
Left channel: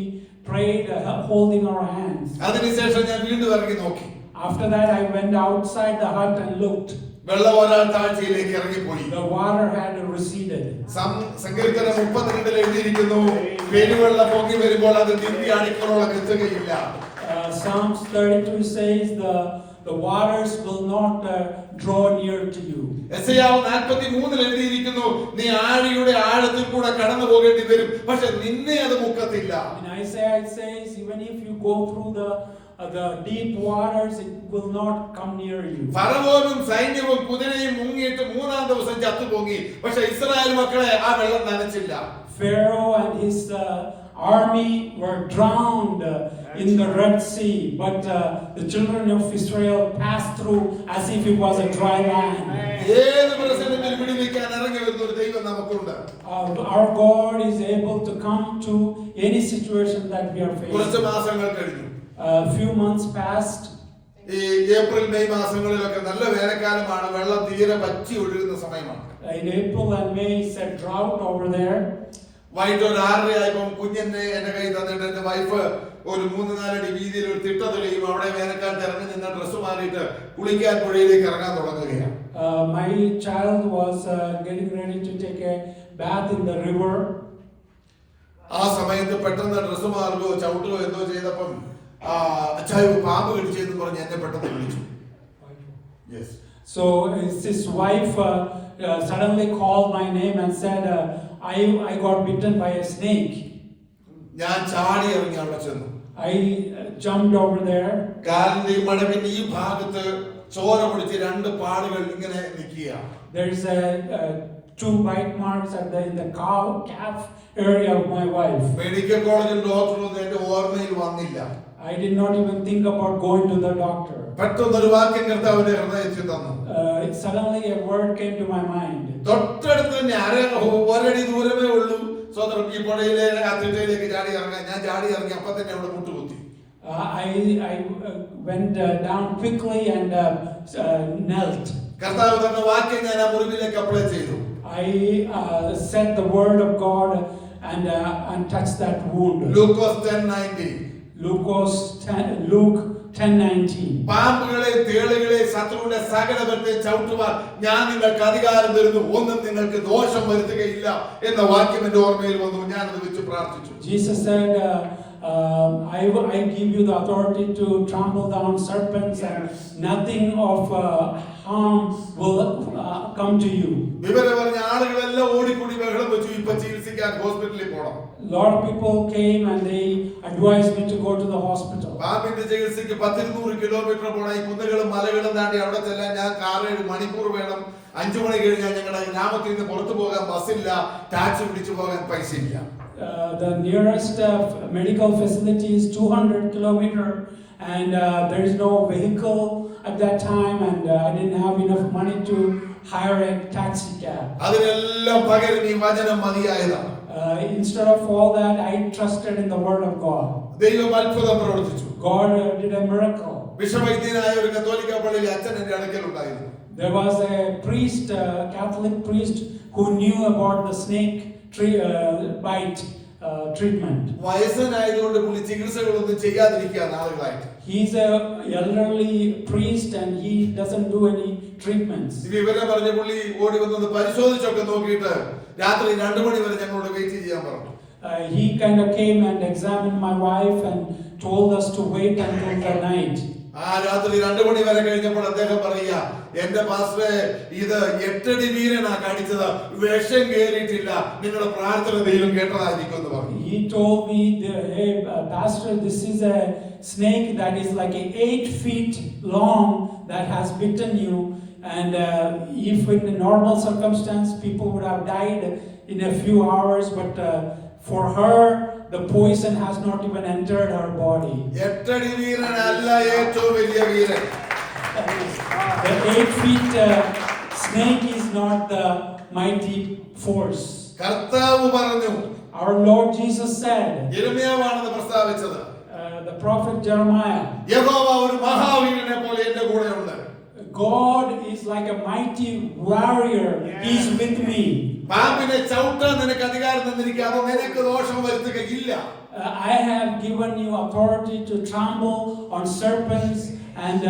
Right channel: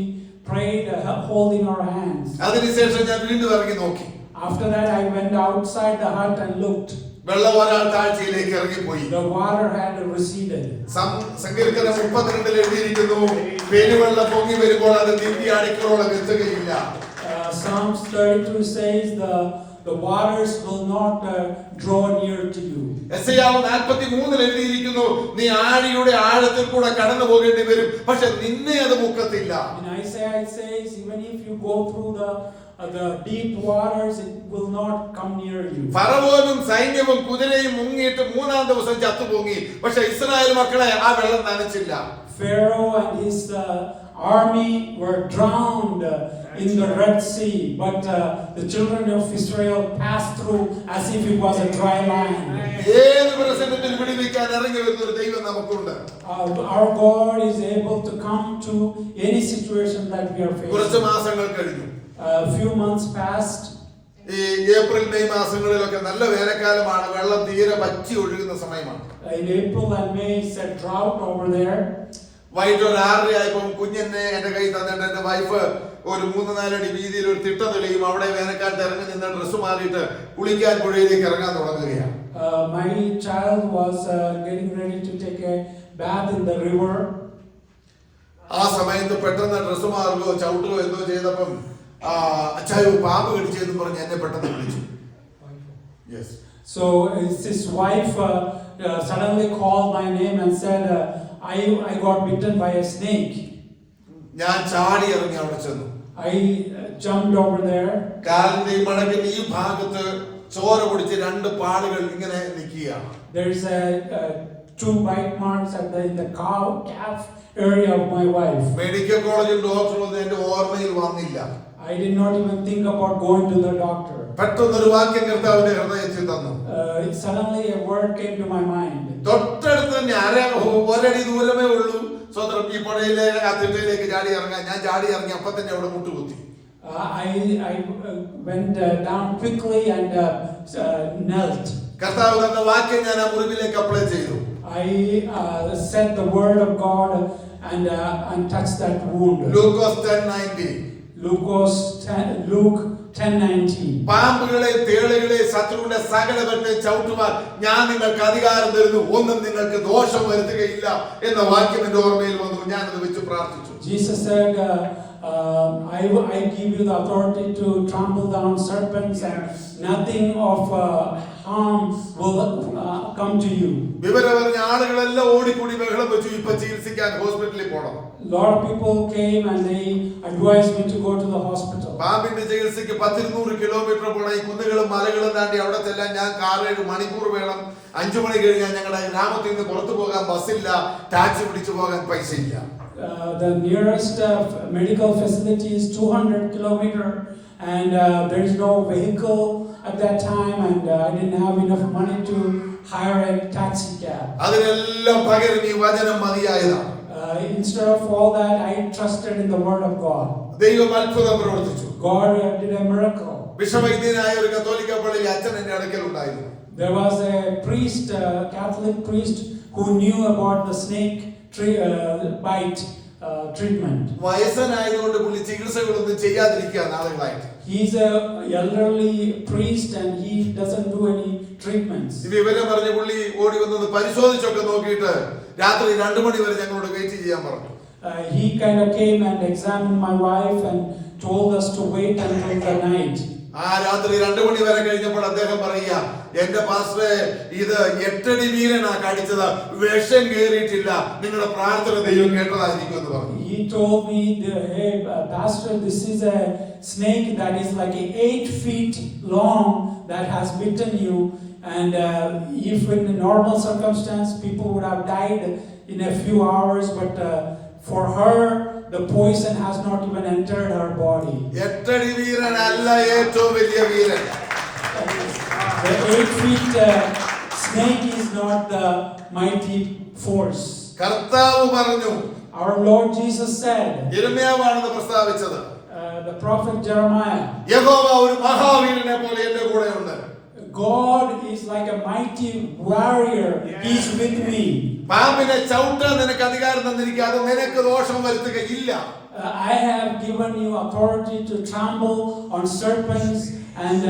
prayed holding our hands. അതിനുശേഷം ഞാൻ വീണ്ടും ഇറങ്ങി നോക്കി. After that I went outside the hut and looked. വെള്ളം ഒരാൾ താഴ്ചയിലേക്ക് ഇറങ്ങിപ്പോയി. The water had receded. സങ്കീർത്തനം 32 എഴുതിയിരിക്കുന്നു, പെരുവെള്ളം പൊങ്ങി വരുമ്പോൾ അത് നിന്റെ അടിക്കലോളം എത്തുകയില്ല. Psalms 32 says the waters will not draw near to you. യെശയ്യാവ് 43 എഴുതിയിരിക്കുന്നു, നീ ആഴിയുടെ ആഴത്തിൽ കൂടെ കടന്നു പോകേണ്ടി വരും, പക്ഷെ നിന്നെ അത് മുക്കത്തില്ല. In Isaiah it says even if you go through the deep waters, it will not come near you. ഫറവോനും സൈന്യവും കുതിരയും മുങ്ങിയിട്ട് 3-ാം ദിവസം ചത്തുപൊങ്ങി, പക്ഷെ ഇസ്രായേൽ മക്കളെ ആ വെള്ളം നനച്ചില്ല. Pharaoh and his army were drowned in the Red Sea, but the children of Israel passed through as if it was a dry land. ഏത് പ്രശ്നത്തിൽ വിടുവിക്കാൻ ഇറങ്ങി വരുന്ന ഒരു ദൈവം നമുക്കുണ്ട്. Our God is able to come to any situation that we are facing. കുറച്ച് മാസങ്ങൾ കഴിഞ്ഞു. A few months passed. ഈ ഏപ്രിൽ മെയ് മാസങ്ങളിലൊക്കെ നല്ല വേനൽക്കാലമാണ്, വെള്ളം തീരെ വറ്റി ഒഴുകുന്ന സമയമാണ്. In April and May it's a drought over there. വൈകിട്ട് ഒരു 6:30 ആയപ്പോൾ കുഞ്ഞെന്നെ എന്റെ കയ്യിൽ തന്നിട്ട് എന്റെ വൈഫ് ഒരു 3-4 അടി വീതിയിൽ ഒരു തിട്ട തുലയും അവിടെ വേനൽക്കാലത്ത് ഇറങ്ങി നിന്ന് ഡ്രസ്സ് മാറിയിട്ട് കുളിക്കാൻ പുഴയിലേക്ക് ഇറങ്ങാൻ തുടങ്ങുകയാണ്. My child was getting ready to take a bath in the river. ആ സമയത്ത് പെട്ടെന്ന് ഡ്രസ്സ് മാറുകയോ ചവിട്ടുകയോ എന്തോ ചെയ്തപ്പം അച്ചായോ പാമ്പ് കടിച്ചെന്ന് പറഞ്ഞ് എന്നെ പെട്ടെന്ന് വിളിച്ചു. Yes. So his wife suddenly called my name and said, I got bitten by a snake. ഞാൻ ചാടി ഇറങ്ങി അവിടെ ചെന്നു. I jumped over there. കാലിന്റെ ഈ മടക്കിന്റെ ഈ ഭാഗത്ത് ചോര പിടിച്ച് 2 പാടുകൾ ഇങ്ങനെ നിൽക്കുക. There is a 2 bite marks in the calf area of my wife. Medical കോളേജിൽ ഡോക്ടർ വന്ന് എന്റെ ഓർമ്മയിൽ വന്നില്ല. I did not even think about going to the doctor. പെട്ടെന്നൊരു വാക്യം കർത്താവിന്റെ ഹൃദയത്തിൽ തന്നു. Suddenly a word came to my mind. തൊട്ടടുത്ത് തന്നെ ഒരടി ദൂരമേ ഉള്ളൂ. സ്വതന്ത്രം ഈ പുഴയിലെ ആ തിട്ടയിലേക്ക് ചാടി ഇറങ്ങാൻ. ഞാൻ ചാടി ഇറങ്ങി അപ്പം തന്നെ അവിടെ മുട്ടുകുത്തി. I went down quickly and knelt. കർത്താവ് തന്ന വാക്യം ഞാൻ ആ മുറിവിലേക്ക് അപ്ലൈ ചെയ്തു. I said the word of God and touched that wound. Luke 10:19. Luke 10:19. പാമ്പുകളെ തേളുകളെ ശത്രുവിന്റെ സകലത്തെ ചവിട്ടുവാൻ ഞാൻ നിങ്ങൾക്ക് അധികാരം തരുന്നു, ഒന്നും നിങ്ങൾക്ക് ദോഷം വരുത്തുകയില്ല എന്ന വാക്യം എന്റെ ഓർമ്മയിൽ വന്നു. ഞാനത് വെച്ച് പ്രാർത്ഥിച്ചു. Jesus said, I give you the authority to trample down serpents and nothing of harm will come to you. വിവരം പറഞ്ഞ ആളുകളെല്ലാം ഓടിക്കൂടി ബഹളം വെച്ചു, ഇപ്പൊ ചികിത്സിക്കാൻ ഹോസ്പിറ്റലിൽ പോകണം. Lot of people came and they advised me to go to the hospital. പാമ്പിന്റെ ചികിത്സയ്ക്ക് 100 കിലോമീറ്റർ പോകണം. ഈ കുന്നുകളും മലകളും താണ്ടി അവിടെ ചെല്ലാൻ ഞാൻ 6-7 മണിക്കൂർ വേണം. 5 മണി കഴിഞ്ഞാൽ ഞങ്ങളുടെ ഗ്രാമത്തിൽ നിന്ന് പുറത്തു പോകാൻ ബസ്സില്ല, ടാക്സി പിടിച്ചു പോകാൻ പൈസ ഇല്ല. The nearest medical facility is 200 kilometers and there is no vehicle at that time and I didn't have enough money to hire a taxi cab. അതിനെല്ലാം പകരം ഈ വചനം മതിയായതാണ്. Instead of all that, I trusted in the word of God. ദൈവം അത്ഭുതം പ്രവർത്തിച്ചു. God did a miracle. വിശ്വവൈദ്യനായ ഒരു കത്തോലിക്ക പള്ളിയിൽ അച്ഛൻ എന്റെ അടുക്കൽ ഉണ്ടായിരുന്നു. There was a priest, Catholic priest, who knew about the snake bite treatment. വയസ്സനായതുകൊണ്ട് പുള്ളി ചികിത്സകളൊന്നും ചെയ്യാതിരിക്കുക നാളുകളായിട്ട്. He's a elderly priest and he doesn't do any treatments. ഈ വിവരം പറഞ്ഞ പുള്ളി ഓടി വന്നത് പരിശോധിച്ചൊക്കെ നോക്കിയിട്ട് രാത്രി 2 മണി വരെ ഞങ്ങളോട് വെയിറ്റ് ചെയ്യാൻ പറഞ്ഞു. He kind of came and examined my wife and told us to wait until the night. ആ രാത്രി 2 മണി വരെ കഴിഞ്ഞപ്പോൾ അദ്ദേഹം പറയുക, എന്റെ പാസ്റ്ററെ ഇത് 8 അടി വീരനാ കടിച്ചത്, വിഷം കേറിയിട്ടില്ല, നിങ്ങളുടെ പ്രാർത്ഥന ദൈവം കേട്ടതായിരിക്കും എന്ന് പറഞ്ഞു. He told me, hey pastor, this is a snake that is like 8 feet long that has bitten you, and if in a normal circumstance people would have died in a few hours, but for her the poison has not even entered her body. 8 അടി വീരനല്ല ഏറ്റവും വലിയ വീരൻ. The 8 feet snake is not the mighty force. കർത്താവ് പറഞ്ഞു, Our Lord Jesus said, യിരെമ്യാവാണ് പ്രസ്താവിച്ചത്, the prophet Jeremiah, യഹോവ ഒരു മഹാവീരനെ പോലെ എന്റെ കൂടെ ഉണ്ട്. God is like a mighty warrior. He's with me. പാമ്പിനെ ചവിട്ടാൻ നിനക്ക് അധികാരം തന്നിരിക്കുക, അത് നിനക്ക് ദോഷം വരുത്തുകയില്ല. I have given you authority to trample on serpents and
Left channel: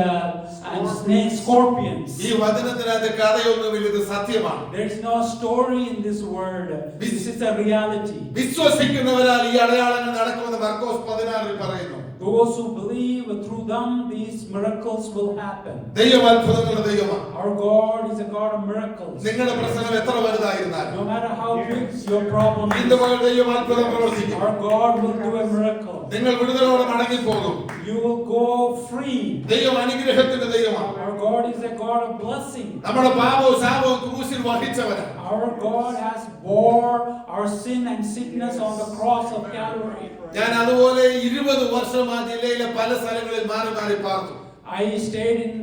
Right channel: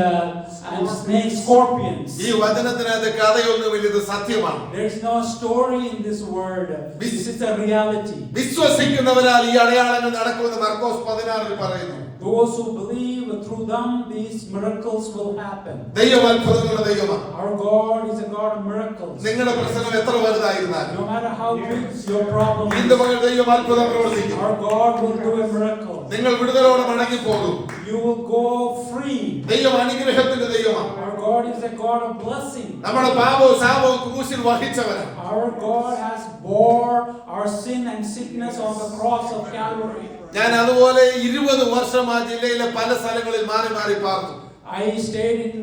snakes, scorpions. ഈ വചനത്തിനകത്ത് കഥയൊന്നുമില്ല, ഇത് സത്യമാണ്. There is no story in this word. This is a reality. വിശ്വസിക്കുന്നവരാൽ ഈ അടയാളങ്ങൾ നടക്കുമെന്ന് മർക്കോസ് 16 പറയുന്നു. Those who believe, through them these miracles will happen. ദൈവം അത്ഭുതങ്ങളുടെ ദൈവമാണ്. Our God is a God of miracles. നിങ്ങളുടെ പ്രശ്നം എത്ര വലുതായിരുന്നാലും, No matter how big your problem ഇന്ന് is, മുതൽ ദൈവം അത്ഭുതം പ്രവർത്തിക്കും. our God will do a miracle. നിങ്ങൾ വിടുതലോടെ മടങ്ങി പോകും. You will go free. ദൈവം അനുഗ്രഹത്തിന്റെ ദൈവമാണ്. Our God is a God of blessing. നമ്മുടെ പാപവും ശാപവും ക്രൂശിൽ വഹിച്ചവനാണ്. Our God has bore our sin and sickness on the cross of Calvary. ഞാൻ അതുപോലെ 20 വർഷം ആ ജില്ലയിലെ പല സ്ഥലങ്ങളിൽ മാറി മാറി പാർത്തു. I stayed in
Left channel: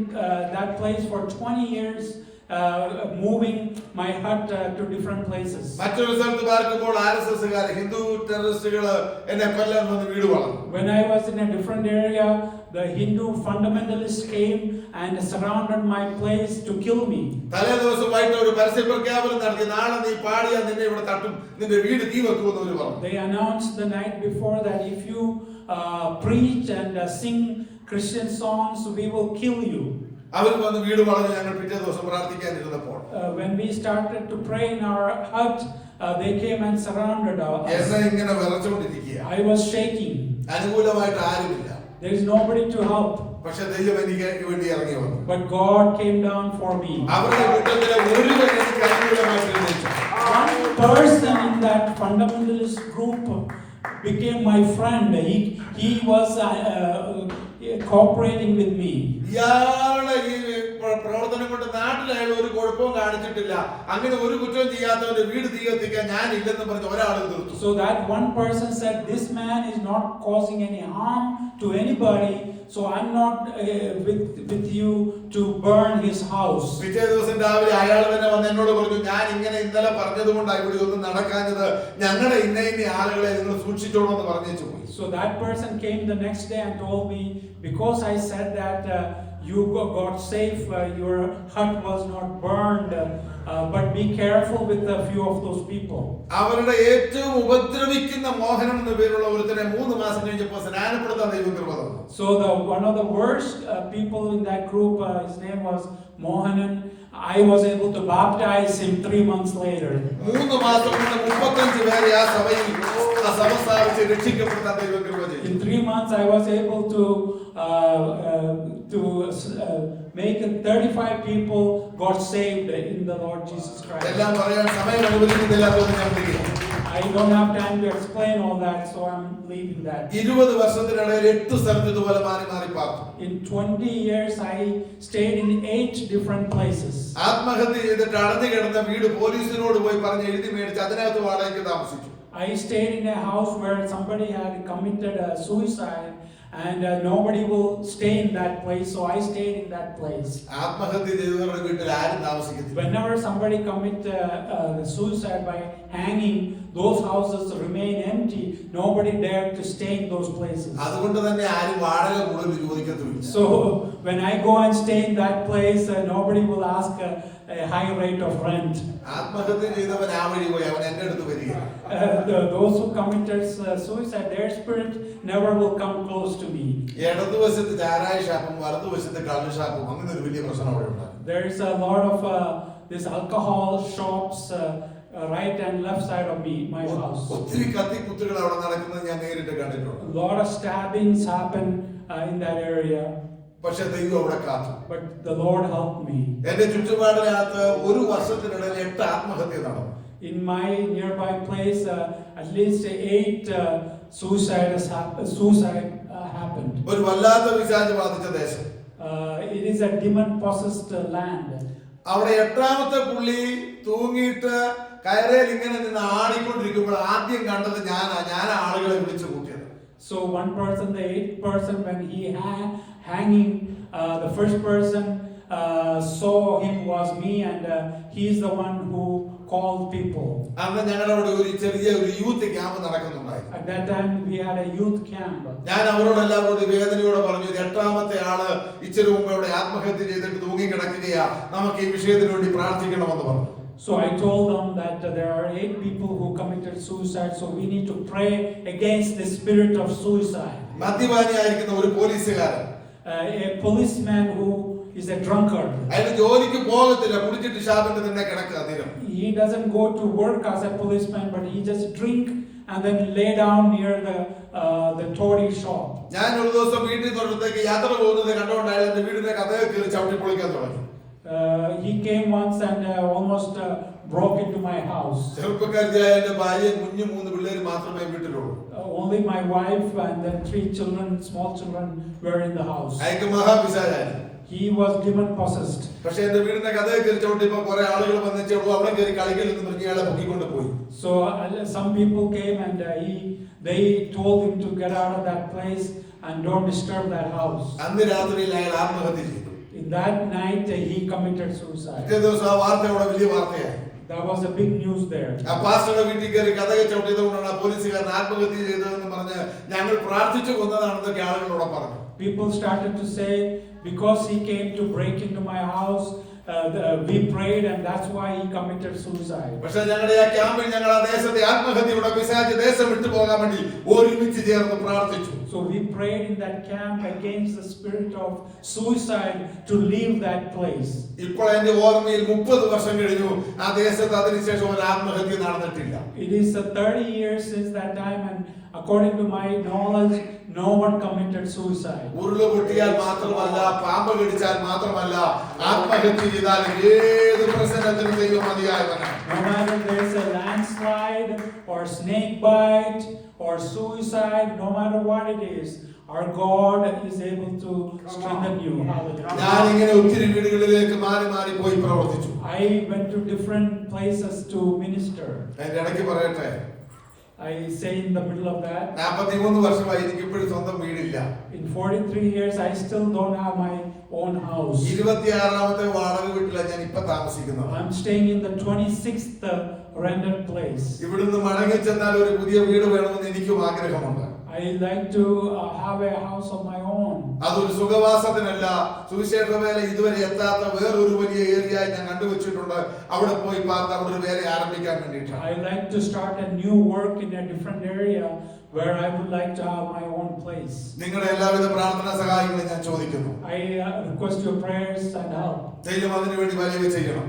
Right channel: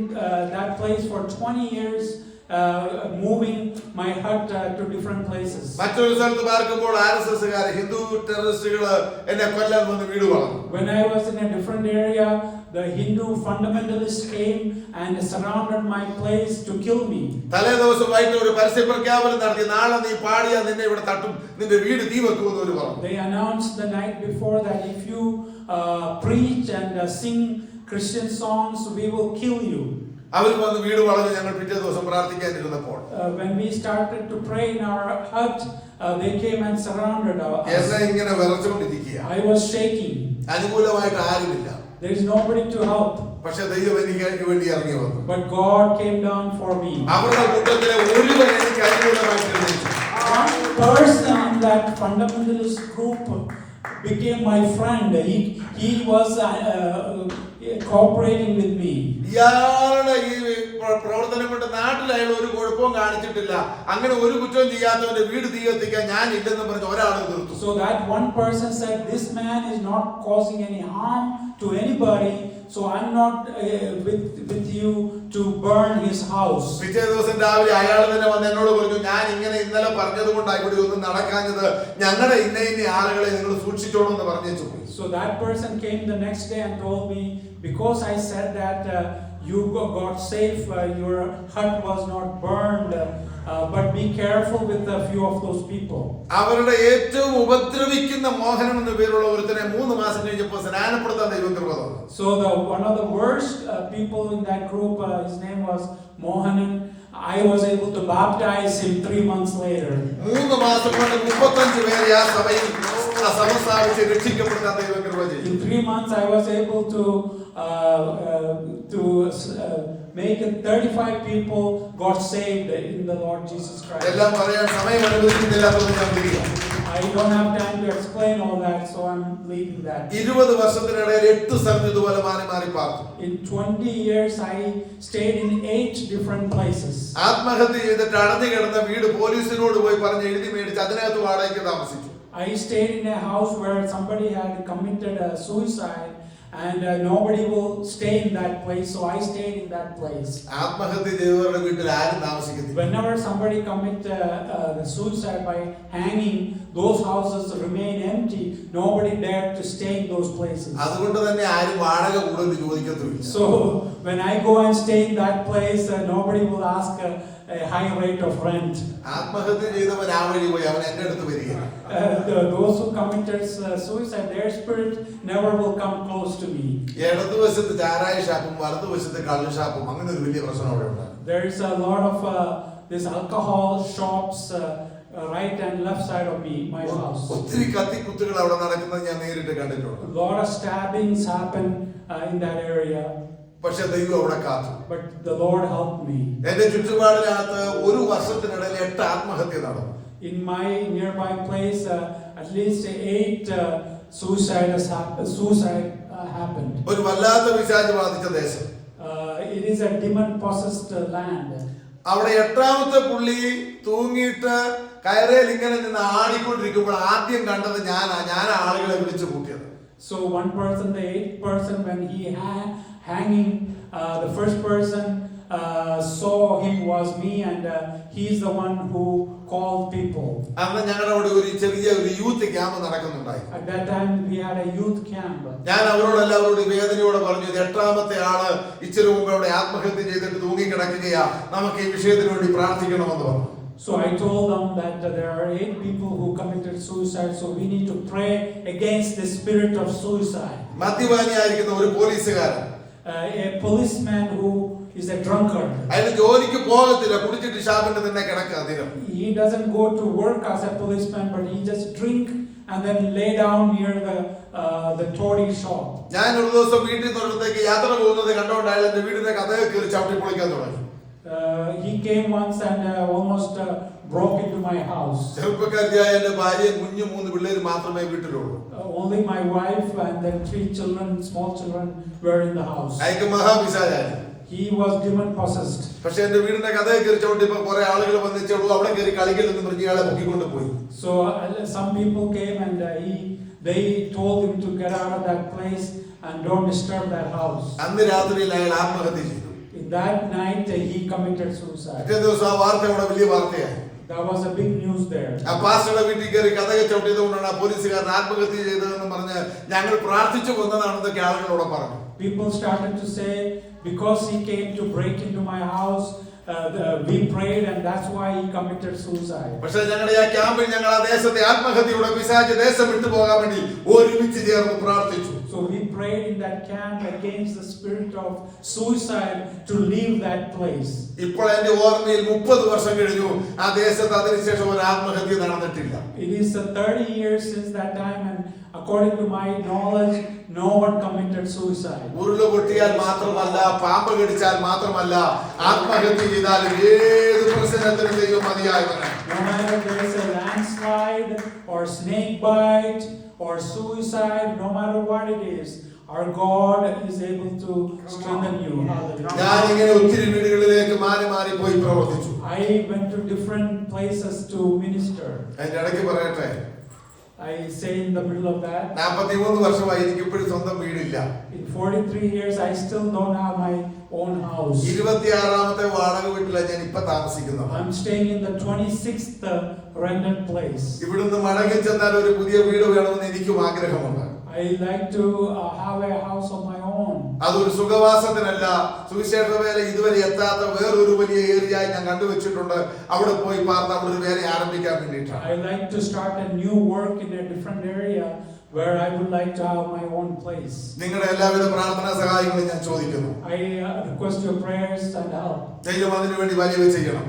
that place for 20 years, moving my hut to different places. മറ്റൊരു സ്ഥലത്ത് പാർക്കുമ്പോൾ ആർഎസ്എസ്കാർ, ഹിന്ദു ടെററിസ്റ്റുകൾ എന്നെ കൊല്ലാൻ വന്ന് വീട് വളർന്നു. When I was in a different area, the Hindu fundamentalists came and surrounded my place to kill me. തലേ ദിവസം വൈകിട്ട് ഒരു പരസ്യ പ്രഖ്യാപനം നടത്തി, നാളെ നീ പാടിയാൽ നിന്നെ ഇവിടെ തട്ടും, നിന്റെ വീട് തീ വെക്കുമെന്ന് അവർ പറഞ്ഞു. They announced the night before that if you preach and sing Christian songs, we will kill you. അവർ വന്ന് വീട് വളർന്ന് ഞങ്ങൾ പിറ്റേ ദിവസം പ്രാർത്ഥിക്കാനിരുന്നപ്പോൾ When we started to pray in our hut, they came and surrounded us. എന്നെ ഇങ്ങനെ വിറച്ചുകൊണ്ടിരിക്കുക. I was shaking. അനുകൂലമായിട്ട് ആരുമില്ല. There is nobody to help. പക്ഷെ ദൈവം എനിക്ക് വേണ്ടി ഇറങ്ങി വന്നു. But God came down for me. അവരുടെ കൂട്ടത്തിലെ ഒരുവൻ എനിക്ക് അനുകൂലമായിട്ട് എഴുന്നേറ്റു. One person in that fundamentalist group became my friend. He was cooperating with me. ഇയാളുടെ ഈ പ്രവർത്തനം കൊണ്ട് നാട്ടിൽ അയാൾ ഒരു കുഴപ്പവും കാണിച്ചിട്ടില്ല, അങ്ങനെ ഒരു കുറ്റവും ചെയ്യാത്തവന്റെ വീട് തീ കത്തിക്കാൻ ഞാൻ ഇല്ലെന്ന് പറഞ്ഞ് ഒരാൾ തീർത്തു. So that one person said, this man is not causing any harm to anybody, so I'm not with you to burn his house. പിറ്റേ ദിവസം രാവിലെ അയാൾ തന്നെ വന്ന് എന്നോട് പറഞ്ഞു, ഞാൻ ഇങ്ങനെ ഇന്നലെ പറഞ്ഞത് കൊണ്ടാണ് ഇവിടെ ഒന്നും നടക്കാഞ്ഞത്, ഞങ്ങളുടെ ഇന്ന ആളുകളെ നിങ്ങൾ സൂക്ഷിച്ചോളൂ എന്ന് പറഞ്ഞു പോയി. So that person came the next day and told me, because I said that you got safe, your hut was not burned, but be careful with a few of those people. അവരുടെ ഏറ്റവും ഉപദ്രവിക്കുന്ന മോഹനൻ എന്ന പേരുള്ള ഒരുത്തനെ 3 മാസം കഴിഞ്ഞപ്പോൾ സ്നാനപ്പെടുത്താൻ ദൈവം കൃപ തന്നു. So one of the worst people in that group, his name was Mohanan. I was able to baptize him 3 months later. 3 മാസം കൊണ്ട് 35 പേരെ ആ സഭയിൽ സമസ്ഥാപിച്ച് രക്ഷിക്കപ്പെടുത്താൻ ദൈവം കൃപ ചെയ്തു. In 3 months, I was able to make 35 people got saved in the Lord Jesus Christ. എല്ലാം പറയാൻ സമയം അനുവദിക്കുന്നില്ലാത്തതുകൊണ്ട് നിർത്തിക്കുക. I don't have time to explain all that, so I'm leaving that. 20 വർഷത്തിനിടയിൽ 8 സ്ഥലത്ത് ഇതുപോലെ മാറി മാറി പാർത്തു. In 20 years, I stayed in 8 different places. ആത്മഹത്യ ചെയ്തിട്ട് അടഞ്ഞു കിടന്ന വീട് പോലീസിനോട് പോയി പറഞ്ഞ് എഴുതി മേടിച്ച് അതിനകത്ത് വാടകയ്ക്ക് താമസിച്ചു. I stayed in a house where somebody had committed suicide, and nobody will stay in that place, so I stayed in that place. ആത്മഹത്യ ചെയ്തവരുടെ വീട്ടിൽ ആരും താമസിക്കുന്നില്ല. Whenever somebody commit suicide by hanging, those houses remain empty. Nobody dared to stay in those places. അതുകൊണ്ട് തന്നെ ആരും വാടക കൂടുതൽ ചോദിക്കത്തില്ല. So when I go and stay in that place, nobody will ask a high rate of rent. ആത്മഹത്യ ചെയ്തവൻ ആ വഴി പോയി അവൻ എന്റെ അടുത്ത് വരികയാണ്. Those who committed suicide, their spirit never will come close to me. ഇടതുവശത്ത് ചാരായ ഷാപ്പും വലതുവശത്ത് കള്ള് ഷാപ്പും അങ്ങനെ ഒരു വലിയ പ്രശ്നം അവിടെ ഉണ്ട്. There is a lot of this alcohol shops right and left side of me, my house. ഒത്തിരി കത്തിക്കുത്തുകൾ അവിടെ നടക്കുന്നത് ഞാൻ നേരിട്ട് കണ്ടിട്ടുണ്ട്. A lot of stabbings happen in that area. പക്ഷെ ദൈവം അവിടെ കാത്തു. But the Lord helped me. എന്റെ ചുറ്റുപാടിനകത്ത് ഒരു വർഷത്തിനിടയിൽ 8 ആത്മഹത്യ നടന്നു. In my nearby place, at least 8 suicide happened. ഒരു വല്ലാത്ത പിശാച് ബാധിച്ച ദേശം. It is a demon-possessed land. അവിടെ 8ാമത്തെ പുള്ളി തൂങ്ങിയിട്ട് കയറയിൽ ഇങ്ങനെ നിന്ന് ആടിക്കൊണ്ടിരിക്കുമ്പോൾ ആദ്യം കണ്ടത് ഞാൻ ആളുകളെ വിളിച്ചു കൂട്ടിയത്. So one person, the 8th person, when he hanging, the first person saw him was me, and he's the one who called people. അന്ന് ഞങ്ങളുടെ അവിടെ ഒരു ചെറിയ യൂത്ത് ക്യാമ്പ് നടക്കുന്നുണ്ടായി. At that time we had a youth camp. ഞാൻ അവരോടെല്ലാവരോടും വേദനയോടെ പറഞ്ഞു, 8ാമത്തെ ആള് ഇച്ചിരി മുമ്പ് അവിടെ ആത്മഹത്യ ചെയ്തിട്ട് തൂങ്ങി കിടക്കുകയാ, നമുക്ക് ഈ വിഷയത്തിന് വേണ്ടി പ്രാർത്ഥിക്കണമെന്ന് പറഞ്ഞു. So I told them that there are 8 people who committed suicide, so we need to pray against the spirit of suicide. മദ്യപാനിയായിരിക്കുന്ന ഒരു പോലീസുകാരൻ, A policeman who is a drunkard. അയാൾ ജോലിക്ക് പോകത്തില്ല, കുടിച്ചിട്ട് ഷാപ്പിന്റെ തന്നെ കിടക്കുക അധികം. He doesn't go to work as a policeman, but he just drink and then lay down near the toady shop. ഞാൻ ഒരു ദിവസം വീട്ടിൽ നിന്നൊരിടത്തേക്ക് യാത്ര പോകുന്നത് കണ്ടുകൊണ്ട് അയാൾ എന്റെ വീടിന്റെ കഥയെ കയറി ചവിട്ടി പൊളിക്കാൻ തുടങ്ങി. He came once and almost broke into my house. ചെറുപ്പക്കാരിയായ എന്റെ ഭാര്യയും കുഞ്ഞു 3 പിള്ളേര് മാത്രമേ വീട്ടിലുള്ളൂ. Only my wife and then 3 children, small children, were in the house. അയാൾക്ക് മഹാപിശാചായിരുന്നു. He was demon possessed. പക്ഷെ എന്റെ വീടിന്റെ കഥയെ കയറി ചവിട്ടിയപ്പോൾ കുറെ ആളുകൾ വന്നിച്ചോളൂ അവിടെ കയറി കളിക്കലെന്ന് പറഞ്ഞ് ഇയാളെ പൊക്കിക്കൊണ്ട് പോയി. So some people came and they told him to get out of that place and don't disturb that house. അന്ന് രാത്രിയിൽ അയാൾ ആത്മഹത്യ ചെയ്തു. In that night he committed suicide. പിറ്റേ ദിവസം ആ വാർത്ത അവിടെ വലിയ വാർത്തയായി. That was a big news there. ആ പാസ്റ്ററുടെ വീട്ടിൽ കയറി കഥയെ ചവിട്ടിയത് കൊണ്ടാണ് ആ പോലീസുകാരൻ ആത്മഹത്യ ചെയ്തതെന്ന് പറഞ്ഞ് ഞങ്ങൾ പ്രാർത്ഥിച്ചു കൊന്നതാണെന്നൊക്കെ ആളുകളോട് പറഞ്ഞു. People started to say, because he came to break into my house, we prayed and that's why he committed suicide. പക്ഷേ ഞങ്ങളുടെ ആ ക്യാമ്പിൽ ഞങ്ങൾ ആ ദേശത്തെ ആത്മഹത്യയുടെ പിശാച് ദേശം വിട്ടു പോകാൻ വേണ്ടി ഒരുമിച്ച് ചേർന്ന് പ്രാർത്ഥിച്ചു. So we prayed in that camp against the spirit of suicide to leave that place. ഇപ്പോൾ എന്റെ ഓർമ്മയിൽ 30 വർഷം കഴിഞ്ഞു ആ ദേശത്ത് അതിനുശേഷം ഒരു ആത്മഹത്യ നടന്നിട്ടില്ല. It is 30 years since that time, and according to my knowledge, no one committed suicide. ഉരുള് പൊട്ടിയാൽ മാത്രമല്ല, പാമ്പ് കടിച്ചാൽ മാത്രമല്ല, ആത്മഹത്യ ചെയ്താലും ഏത് പ്രശ്നത്തിനും ദൈവം മതിയായവനാണ്. No matter there is a landslide or snake bite or suicide, no matter what it is, Our God is able to strengthen you. Hallelujah. ഞാൻ ഇങ്ങനെ ഒത്തിരി വീടുകളിലേക്ക് മാറി മാറി പോയി പ്രവർത്തിച്ചു. I went to different places to minister. അതിന്റെ ഇടയ്ക്ക് പറയട്ടെ, I say in the middle of that, 43 വർഷമായി എനിക്ക് ഇപ്പോഴും സ്വന്തം വീടില്ല. in 43 years I still don't have my own house. 26ാമത്തെ വാടക വീട്ടിലാണ് ഞാൻ ഇപ്പൊ താമസിക്കുന്നത്. I'm staying in the 26th rented place. ഇവിടുന്ന് മടങ്ങി ചെന്നാൽ ഒരു പുതിയ വീട് വേണമെന്ന് എനിക്കും ആഗ്രഹമുണ്ട്. I like to have a house of my own. അതൊരു സുഖവാസത്തിനല്ല, സുവിശേഷ വേല ഇതുവരെ എത്താത്ത വേറൊരു വലിയ ഏരിയയായി ഞാൻ കണ്ടുവച്ചിട്ടുണ്ട്. അവിടെ പോയി പാർന്ന് അവിടെ ഒരു വേല ആരംഭിക്കാൻ വേണ്ടിയിട്ടാണ്. I like to start a new work in a different area where I would like to have my own place. നിങ്ങളുടെ എല്ലാവരുടെ പ്രാർത്ഥനാ സഹായങ്ങളും ഞാൻ ചോദിക്കുന്നു. I request your prayers and help. ദൈവം അതിനു വേണ്ടി വലിയ ചെയ്യണം.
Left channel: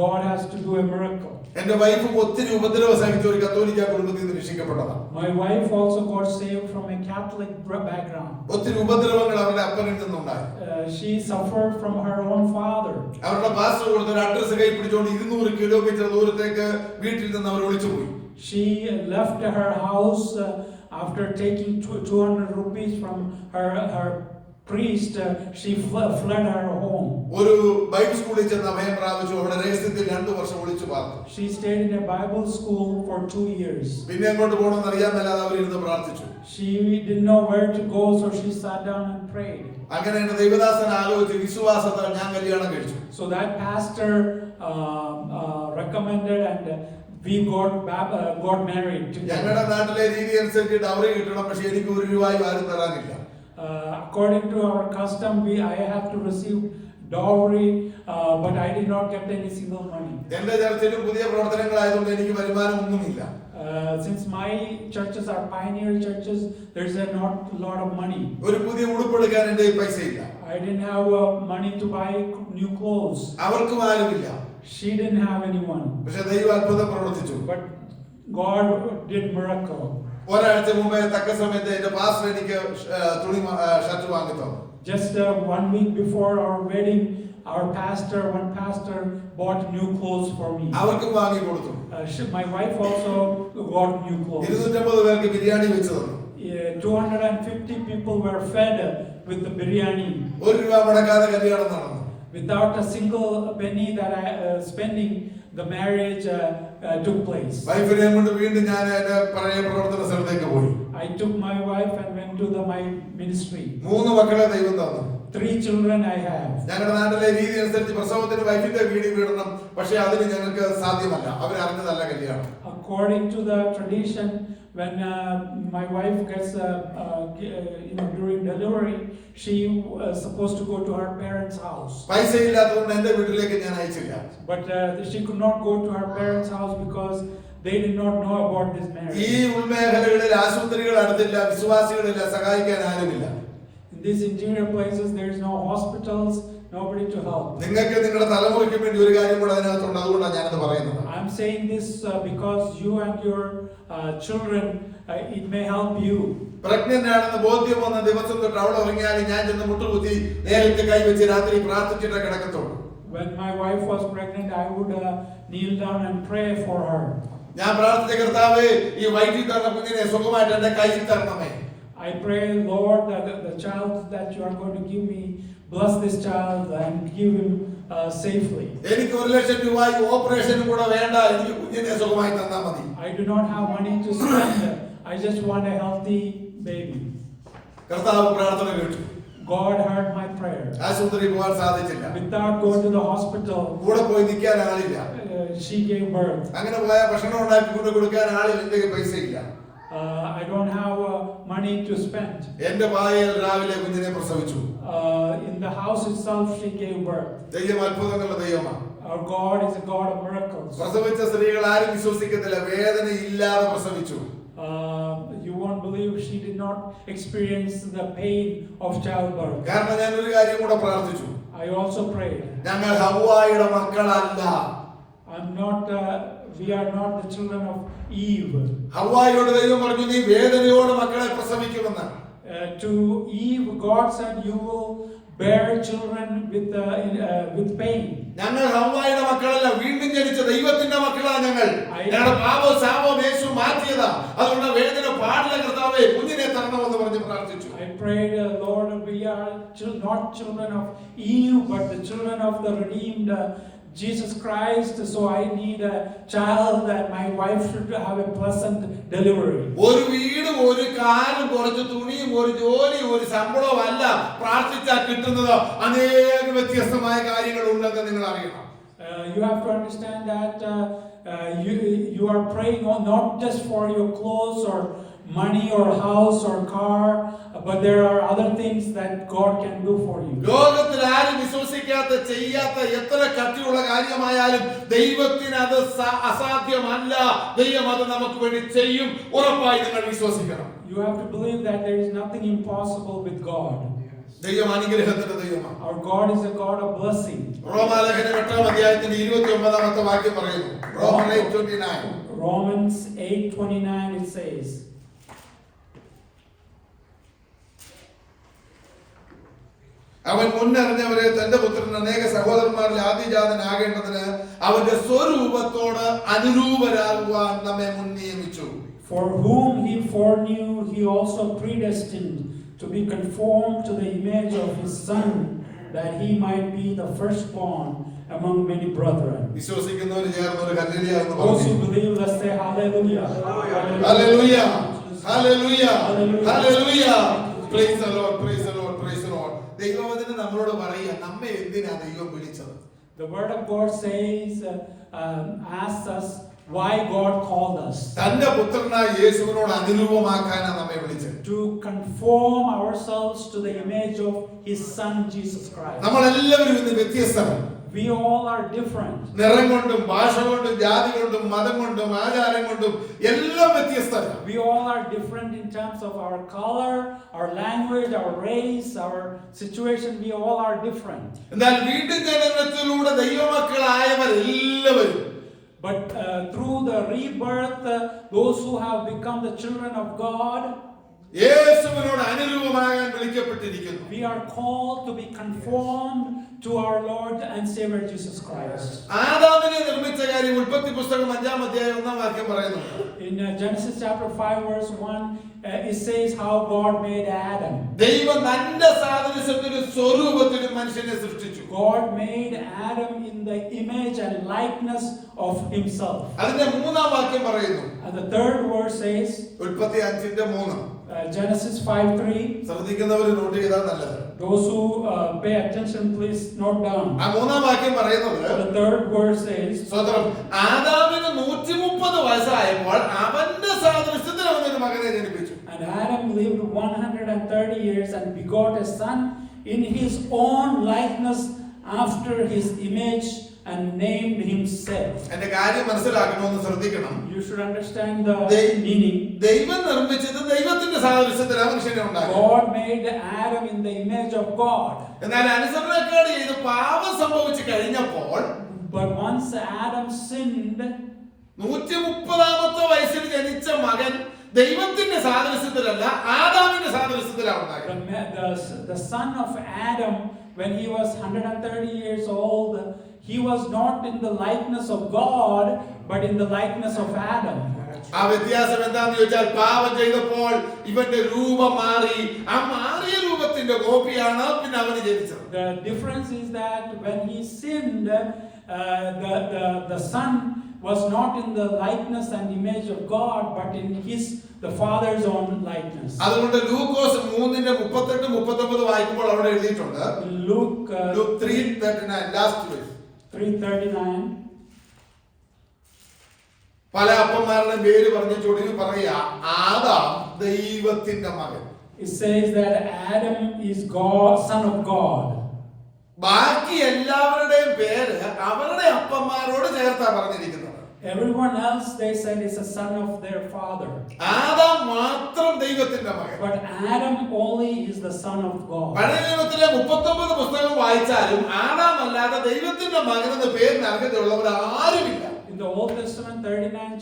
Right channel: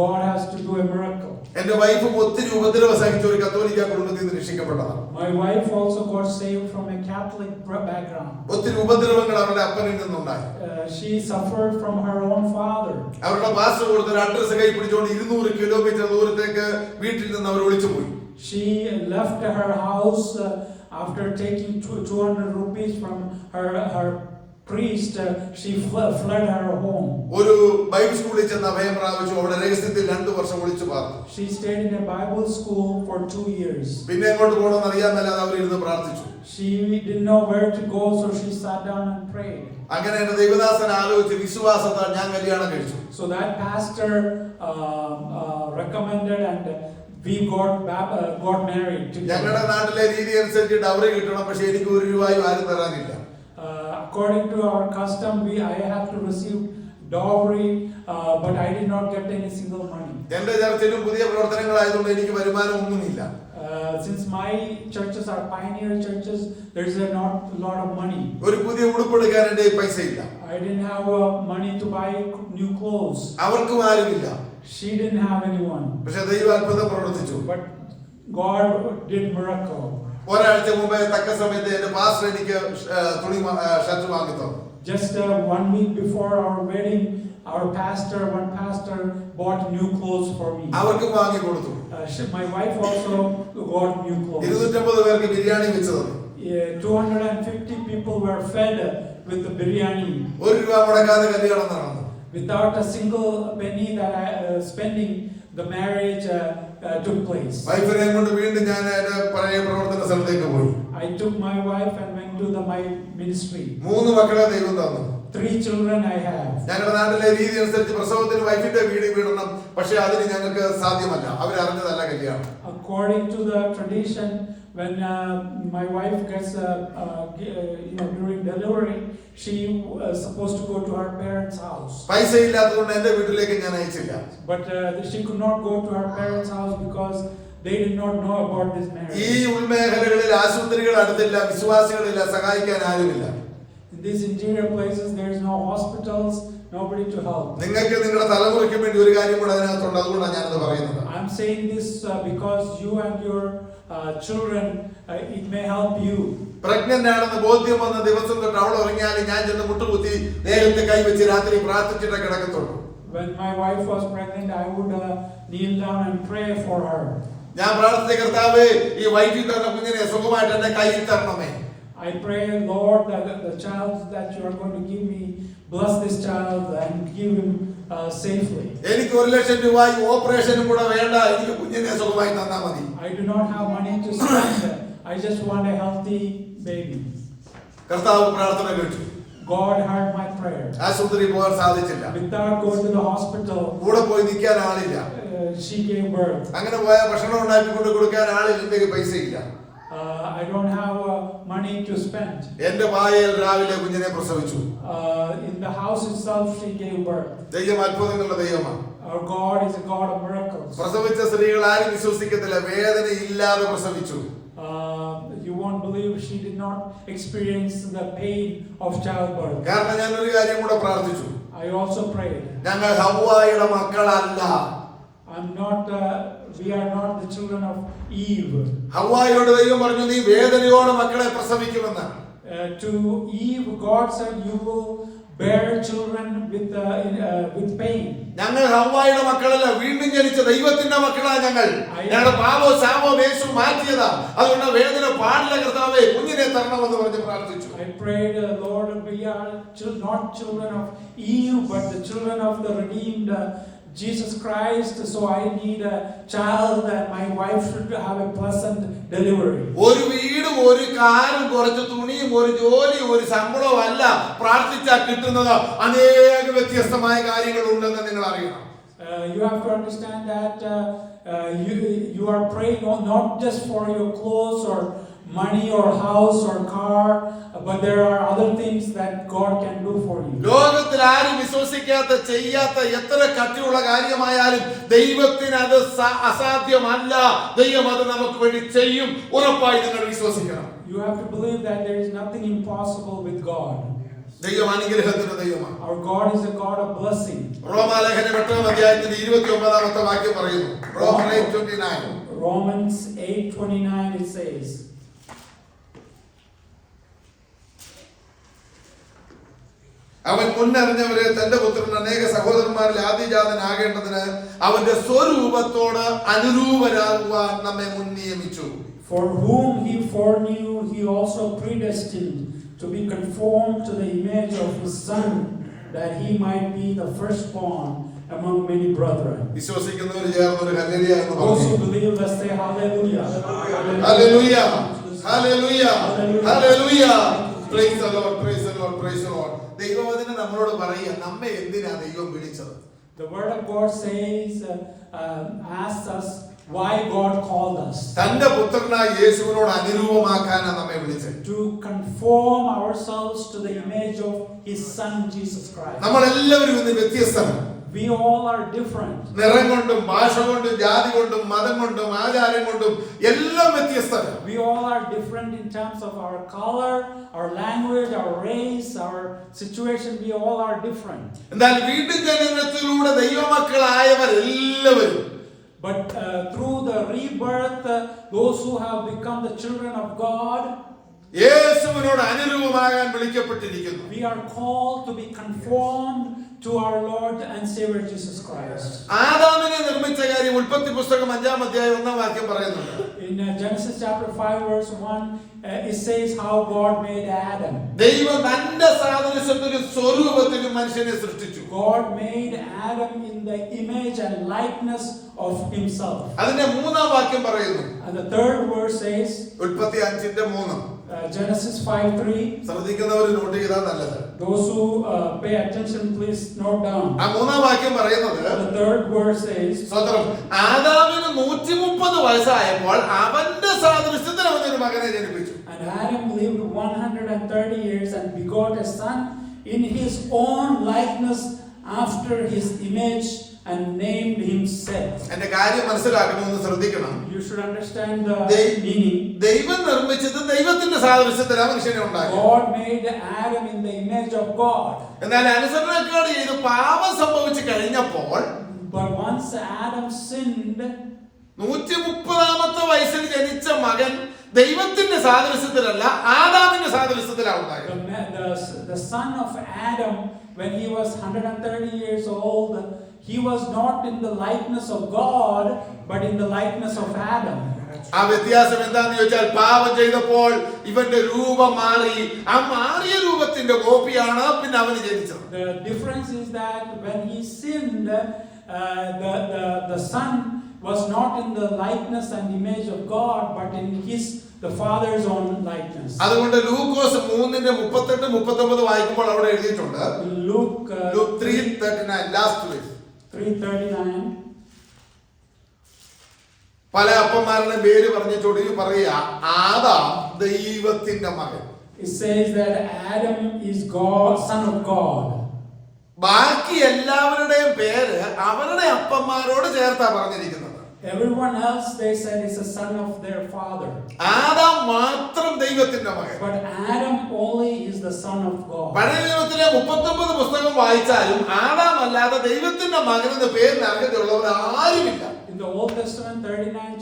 God has to do a miracle. എന്റെ വൈഫും ഒത്തിരി ഉപദ്രവ സഹിച്ച ഒരു കത്തോലിക്ക കുടുംബത്തിൽ നിന്ന് രക്ഷിക്കപ്പെട്ടതാണ്. My wife also got saved from a Catholic background. ഒത്തിരി ഉപദ്രവങ്ങൾ അവരുടെ അപ്പനിൽ നിന്നുണ്ടായി. She suffered from her own father. അവരുടെ പാസ്റ്റർ കൊടുത്ത ഒരു അഡ്രസ് കൈ പിടിച്ചുകൊണ്ട് 200 കിലോമീറ്റർ ദൂരത്തേക്ക് വീട്ടിൽ നിന്ന് അവർ ഒളിച്ചുപോയി. She left her house after taking 200 rupees from her priest. She fled her home. ഒരു ബൈബിൾ സ്കൂളിൽ ചെന്ന് അഭയം പ്രാപിച്ചു. അവിടെ രഹസ്യത്തിൽ 2 വർഷം ഒളിച്ചു പാർത്തു. She stayed in a Bible school for 2 years. പിന്നെ എങ്ങോട്ട് പോകണമെന്ന് അറിയാമെന്നല്ലാതെ അവർ ഇരുന്ന് പ്രാർത്ഥിച്ചു. She didn't know where to go, so she sat down and prayed. അങ്ങനെ എന്റെ ദൈവദാസൻ ആലോചിച്ച് വിശ്വാസത്താൽ ഞാൻ കല്യാണം കഴിച്ചു. So that pastor recommended and we got married together. ഞങ്ങളുടെ നാട്ടിലെ രീതി അനുസരിച്ച് ഡൗറി കിട്ടണം, പക്ഷെ എനിക്ക് 1 രൂപയും ആരും തരാനില്ല. According to our custom, I have to receive dowry, but I did not get any single money. എന്റെ ചർച്ചിലും പുതിയ പ്രവർത്തനങ്ങളായതുകൊണ്ട് എനിക്ക് വരുമാനം ഒന്നുമില്ല. Since my churches are pioneer churches, there's not a lot of money. ഒരു പുതിയ ഉടുപ്പ് എടുക്കാൻ എന്റെ പൈസ ഇല്ല. I didn't have money to buy new clothes. അവർക്കും ആരുമില്ല. She didn't have anyone. പക്ഷെ ദൈവം അത്ഭുതം പ്രവർത്തിച്ചു. But God did miracle. ഒരാഴ്ച മുമ്പേ തക്ക സമയത്ത് എന്റെ പാസ്റ്റർ എനിക്ക് തുണി ഷർട്ട് വാങ്ങി തന്നു. Just 1 week before our wedding, one pastor bought new clothes for me. അവർക്കും വാങ്ങി കൊടുത്തു. My wife also got new clothes. 250 പേർക്ക് ബിരിയാണി വെച്ച് തന്നു. 250 people were fed with the biryani. 1 രൂപ മുടക്കാതെ കല്യാണം നടന്നു. Without a single penny that I spending, the marriage took place. വൈഫിനെ കൊണ്ട് വീണ്ടും ഞാൻ എന്റെ പഴയ പ്രവർത്തന സ്ഥലത്തേക്ക് പോയി. I took my wife and went to my ministry. 3 മക്കളെ ദൈവം തന്നു. 3 children I have. ഞങ്ങളുടെ നാട്ടിലെ രീതി അനുസരിച്ച് പ്രസവത്തിന് വൈഫിന്റെ വീട് വീടണം, പക്ഷെ അതിന് ഞങ്ങൾക്ക് സാധ്യമല്ല. അവരറിഞ്ഞതല്ല കല്യാണം. According to the tradition, when my wife gets during delivery, she supposed to go to her parents' house. പൈസ ഇല്ലാത്തതുകൊണ്ട് എന്റെ വീട്ടിലേക്ക് ഞാൻ അയച്ചില്ല. But she could not go to her parents' house because they did not know about this marriage. ഈ ഉൾമേഖലകളിൽ ആശുപത്രികൾ അടുത്തില്ല, വിശ്വാസികളില്ല, സഹായിക്കാൻ ആരുമില്ല. In these interior places, there is no hospitals, nobody to help. നിങ്ങൾക്ക് നിങ്ങളുടെ തലമുറയ്ക്ക് വേണ്ടി ഒരു കാര്യം കൂടെ അതിനകത്തുണ്ട്. അതുകൊണ്ടാണ് ഞാനത് പറയുന്നത്. I'm saying this because you and your children, it may help you. Pregnant ആണെന്ന് ബോധ്യം വന്ന ദിവസം തൊട്ട് അവൾ ഉറങ്ങിയാൽ ഞാൻ ചെന്ന് മുട്ടുകുത്തി നേരത്തെ കൈവച്ച് രാത്രി പ്രാർത്ഥിച്ചിട്ടേ കിടക്കത്തുള്ളൂ. When my wife was pregnant, I would kneel down and pray for her. ഞാൻ പ്രാർത്ഥിച്ച കർത്താവേ, ഈ വൈകി തന്ന കുഞ്ഞിനെ സുഖമായിട്ട് എന്റെ കയ്യിൽ തരണമേ. I pray, Lord, that the child that you are going to give me, bless this child and give him safely. എനിക്ക് 1 ലക്ഷം രൂപ ഓപ്പറേഷനും കൂടെ വേണ്ട, എനിക്ക് കുഞ്ഞിനെ സുഖമായി തന്നാ മതി. I do not have money to spend. I just want a healthy baby. കർത്താവ് പ്രാർത്ഥന കേട്ടു. God heard my prayer. ആശുപത്രി പോകാൻ സാധിച്ചില്ല. Without going to the hospital, കൂടെ പോയി നിൽക്കാൻ ആളില്ല. she gave birth. അങ്ങനെ പോയാൽ ഭക്ഷണം ഉണ്ടാക്കി കൊണ്ട് കൊടുക്കാൻ ആളില്ല, എന്തെങ്കിലും പൈസ ഇല്ല. I don't have money to spend. എന്റെ ഭാര്യയിൽ രാവിലെ കുഞ്ഞിനെ പ്രസവിച്ചു. In the house itself, she gave birth. ദൈവം അത്ഭുതങ്ങളുടെ ദൈവമാണ്. Our God is a God of miracles. പ്രസവിച്ച സ്ത്രീകൾ ആരും വിശ്വസിക്കത്തില്ല, വേദന ഇല്ലാതെ പ്രസവിച്ചു. You won't believe she did not experience the pain of childbirth. കാരണം ഞാൻ ഒരു കാര്യം കൂടെ പ്രാർത്ഥിച്ചു. I also prayed. ഞങ്ങൾ ഹവ്വായുടെ മക്കളല്ല. We are not the children of Eve. ഹവ്വായോട് ദൈവം പറഞ്ഞു, നീ വേദനയോടെ മക്കളെ പ്രസവിക്കുമെന്ന്. To Eve, God said, you will bear children with pain. ഞങ്ങൾ ഹവ്വായുടെ മക്കളല്ല, വീണ്ടും ജനിച്ച ദൈവത്തിന്റെ മക്കളാ ഞങ്ങൾ. ഞങ്ങളുടെ പാപവും ശാപവും യേശു മാറ്റിയതാ. അതുകൊണ്ട് വേദന പാടില്ല കർത്താവേ, കുഞ്ഞിനെ തരണമെന്ന് പറഞ്ഞ് പ്രാർത്ഥിച്ചു. I prayed, Lord, we are not children of Eve, but the children of the redeemed Jesus Christ. So I need a child that my wife should have a pleasant delivery. ഒരു വീടും ഒരു കാറും കുറച്ച് തുണിയും ഒരു ജോലിയും ഒരു ശമ്പളവും അല്ല പ്രാർത്ഥിച്ചാൽ കിട്ടുന്നത്. അനേക വ്യത്യസ്തമായ കാര്യങ്ങൾ ഉണ്ടെന്ന് നിങ്ങൾ അറിയണം. You have to understand that you are praying not just for your clothes or money or house or car, but there are other things that God can do for you. ലോകത്തിൽ ആരും വിശ്വസിക്കാത്ത ചെയ്യാത്ത എത്ര കട്ടിയുള്ള കാര്യമായാലും ദൈവത്തിന് അത് അസാധ്യമല്ല. ദൈവം അത് നമുക്ക് വേണ്ടി ചെയ്യും. ഉറപ്പായി നിങ്ങൾ വിശ്വസിക്കണം. You have to believe that there is nothing impossible with God. ദൈവം അനുഗ്രഹത്തിന്റെ ദൈവമാണ്. Our God is a God of blessing. റോമാലേഖനം 8-ാം അധ്യായത്തിന്റെ 29-ാമത്തെ വാക്യം പറയുന്നു. Romans 8:29. Romans 8:29 it says, അവൻ മുന്നറിഞ്ഞവരെ തന്റെ പുത്രൻ അനേക സഹോദരന്മാരിൽ ആദ്യജാതനാകേണ്ടതിന് അവന്റെ സ്വരൂപത്തോട് അനുരൂപരാകുവാൻ നമ്മെ മുൻ നിയമിച്ചു. For whom he foreknew, he also predestined to be conformed to the image of his Son, that he might be the firstborn among many brethren. വിശ്വസിക്കുന്നവർ ചേർന്ന് ഒരു ഹല്ലേലൂയ എന്ന് Those who പറഞ്ഞു. believe, let's say hallelujah. Hallelujah, hallelujah, hallelujah. Praise the Lord, praise the Lord, praise the Lord. ദൈവവചനം നമ്മളോട് പറയുക, നമ്മെ എന്തിനാ ദൈവം വിളിച്ചത്? The word of God says, asks us why God called us. തന്റെ പുത്രനായ യേശുവിനോട് അനുരൂപമാക്കാനാണ് നമ്മെ വിളിച്ചത്. To conform ourselves to the image of his Son Jesus Christ. നമ്മൾ എല്ലാവരും ഇന്ന് വ്യത്യസ്തരാണ്. We all are different. നിറം കൊണ്ടും ഭാഷ കൊണ്ടും ജാതി കൊണ്ടും മതം കൊണ്ടും ആചാരം കൊണ്ടും എല്ലാം വ്യത്യസ്തരാണ്. We all are different in terms of our color, our language, our race, our situation. We all are different. എന്നാൽ വീണ്ടും ജനനത്തിലൂടെ ദൈവമക്കളായവർ എല്ലാവരും, But through the rebirth, those who have become the children of God, യേശുവിനോട് അനുരൂപമാകാൻ വിളിക്കപ്പെട്ടിരിക്കുന്നു. we are called to be conformed to our Lord and Savior Jesus Christ. ആദാമിനെ നിർമ്മിച്ച കാര്യം ഉൽപ്പത്തി പുസ്തകം 5-ാം അധ്യായം 1-ാം വാക്യം പറയുന്നുണ്ട്. In Genesis chapter 5 verse 1, it says how God made Adam. ദൈവം തന്റെ സാദൃശ്യത്തിലും സ്വരൂപത്തിലും മനുഷ്യനെ സൃഷ്ടിച്ചു. God made Adam in the image and likeness of himself. അതിന്റെ 3-ാം വാക്യം പറയുന്നു. And the third verse says, ഉൽപ്പത്തി 5:3. Genesis 5:3. ശ്രദ്ധിക്കുന്നവർ നോട്ട് ചെയ്താൽ നല്ലത്. Those who pay attention, please note down. ആ 3-ാം വാക്യം പറയുന്നത്, The third verse says, സ്വതന്ത്രം ആദാമിന് 130 വയസ്സായപ്പോൾ അവന്റെ സാദൃശ്യത്തിൽ അവൻ ഒരു മകനെ ജനിപ്പിച്ചു. and Adam lived 130 years and begot a son in his own likeness after his image and named him Seth. എന്റെ കാര്യം മനസ്സിലാക്കണമെന്ന് ശ്രദ്ധിക്കണം. You should understand the meaning. ദൈവം നിർമ്മിച്ചത് ദൈവത്തിന്റെ സാദൃശ്യത്തിലാണ് മനുഷ്യനെ ഉണ്ടാക്കി. God made Adam in the image of God. എന്നാൽ അനുസരണക്കേട് ചെയ്ത് പാപം സംഭവിച്ചു കഴിഞ്ഞപ്പോൾ, But once Adam sinned, 130-ാമത്തെ വയസ്സിൽ ജനിച്ച മകൻ ദൈവത്തിന്റെ സാദൃശ്യത്തിലല്ല ആദാമിന്റെ സാദൃശ്യത്തിലാണ് ഉണ്ടായത്. the son of Adam, when he was 130 years old, he was not in the likeness of God, but in the likeness of Adam. ആ വ്യത്യാസം എന്താണെന്ന് ചോദിച്ചാൽ, പാപം ചെയ്തപ്പോൾ ഇവന്റെ രൂപം മാറി. ആ മാറിയ രൂപത്തിന്റെ കോപ്പിയാണ് പിന്നെ അവന് ജനിച്ചത്. The difference is that when he sinned, the son was not in the likeness and image of God, but in the father's own likeness. അതുകൊണ്ട് ലൂക്കോസ് 3:38-39 വായിക്കുമ്പോൾ അവിടെ എഴുതിയിട്ടുണ്ട്. Luke 3:39 last verse. 3:39. പല അപ്പന്മാരുടെ പേര് പറഞ്ഞ ചൊടിയിൽ പറയുക, ആദാം ദൈവത്തിന്റെ മകൻ. It says that Adam is God, son of God. ബാക്കി എല്ലാവരുടെയും പേര് അവരുടെ അപ്പന്മാരോട് ചേർത്താ പറഞ്ഞിരിക്കുന്നത്. Everyone else, they said, is a son of their father. Adam മാത്രം ദൈവത്തിന്റെ മകൻ. But Adam only is the son of God. പഴയ നിയമത്തിലെ 39 പുസ്തകം വായിച്ചാലും ആദാം അല്ലാതെ ദൈവത്തിന്റെ മകൻ എന്ന പേരിന് അർഹതയുള്ളവർ ആരുമില്ല. In the Old Testament, 39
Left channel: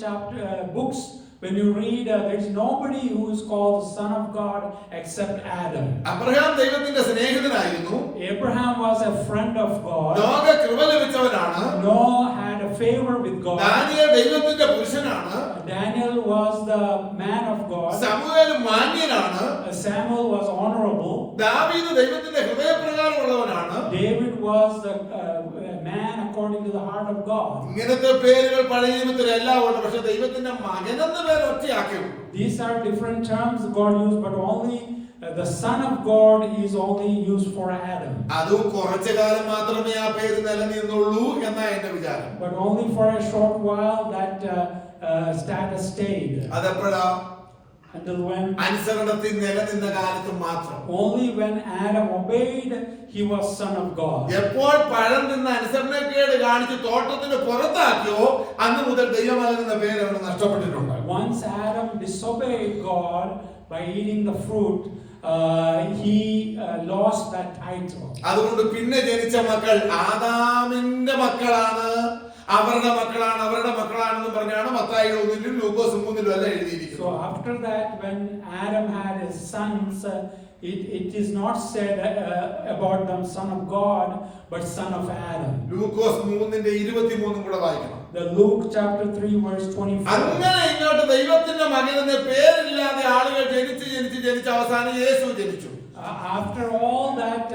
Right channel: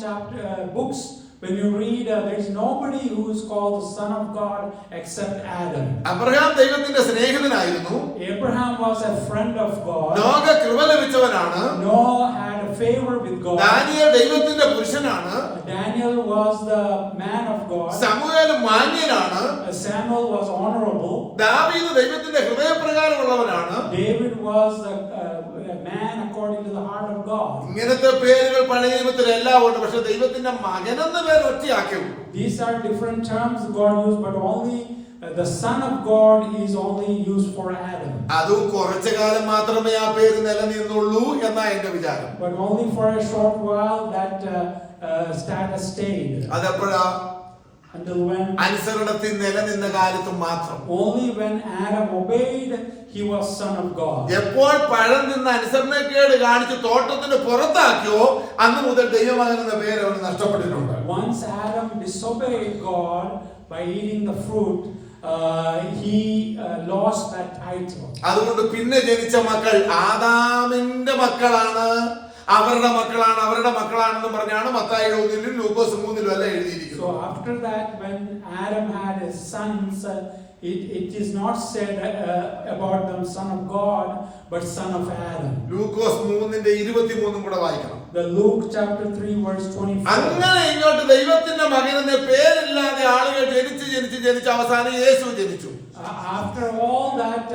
books, when you read, there's nobody who is called the son of God except Adam. Abraham ദൈവത്തിന്റെ സ്നേഹിതനായിരുന്നു. Abraham was a friend of God. ലോക കൃപ ലഭിച്ചവനാണ്. Noah had a favor with God. Daniel ദൈവത്തിന്റെ പുരുഷനാണ്. Daniel was the man of God. ശമൂവേൽ മാന്യനാണ്. Samuel was honorable. ദാവീദ് ദൈവത്തിന്റെ ഹൃദയപ്രകാരമുള്ളവനാണ്. David was a man according to the heart of God. ഇങ്ങനത്തെ പേരുകൾ പഴയ നിയമത്തിൽ എല്ലാം ഉണ്ട്. പക്ഷെ ദൈവത്തിന്റെ മകനെന്ന പേര് ഒറ്റയാക്കി. These are different terms God used, but only the son of God is only used for Adam. അതും കുറച്ചു കാലം മാത്രമേ ആ പേര് നിലനിന്നുള്ളൂ എന്നാ എന്റെ വിചാരം. But only for a short while that status stayed. അതെപ്പോഴാ? Until when? അനുസരണത്തിൽ നിലനിന്ന കാലത്തും മാത്രം. Only when Adam obeyed, he was son of God. എപ്പോൾ പഴം നിന്ന് അനുസരണക്കേട് കാണിച്ച് തോട്ടത്തിന് പുറത്താക്കിയോ അന്ന് മുതൽ ദൈവമാകുന്ന പേര് അവിടെ നഷ്ടപ്പെട്ടിട്ടുണ്ട്. Once Adam disobeyed God by eating the fruit, he lost that title. അതുകൊണ്ട് പിന്നെ ജനിച്ച മക്കൾ ആദാമിന്റെ മക്കളാണ്, അവരുടെ മക്കളാണെന്ന് പറഞ്ഞാണ് മത്തായി 1-ലും ലൂക്കോസ് 3-ലും എല്ലാം എഴുതിയിരിക്കുന്നത്. So after that, when Adam had his sons, it is not said about them son of God, but son of Adam. ലൂക്കോസ് 3:23 കൂടെ വായിക്കണം. The Luke chapter 3 verse 24. അങ്ങനെ ഇങ്ങോട്ട് ദൈവത്തിന്റെ മകനെന്ന പേരില്ലാതെ ആളുകൾ ജനിച്ച് അവസാനം യേശു ജനിച്ചു. After all that,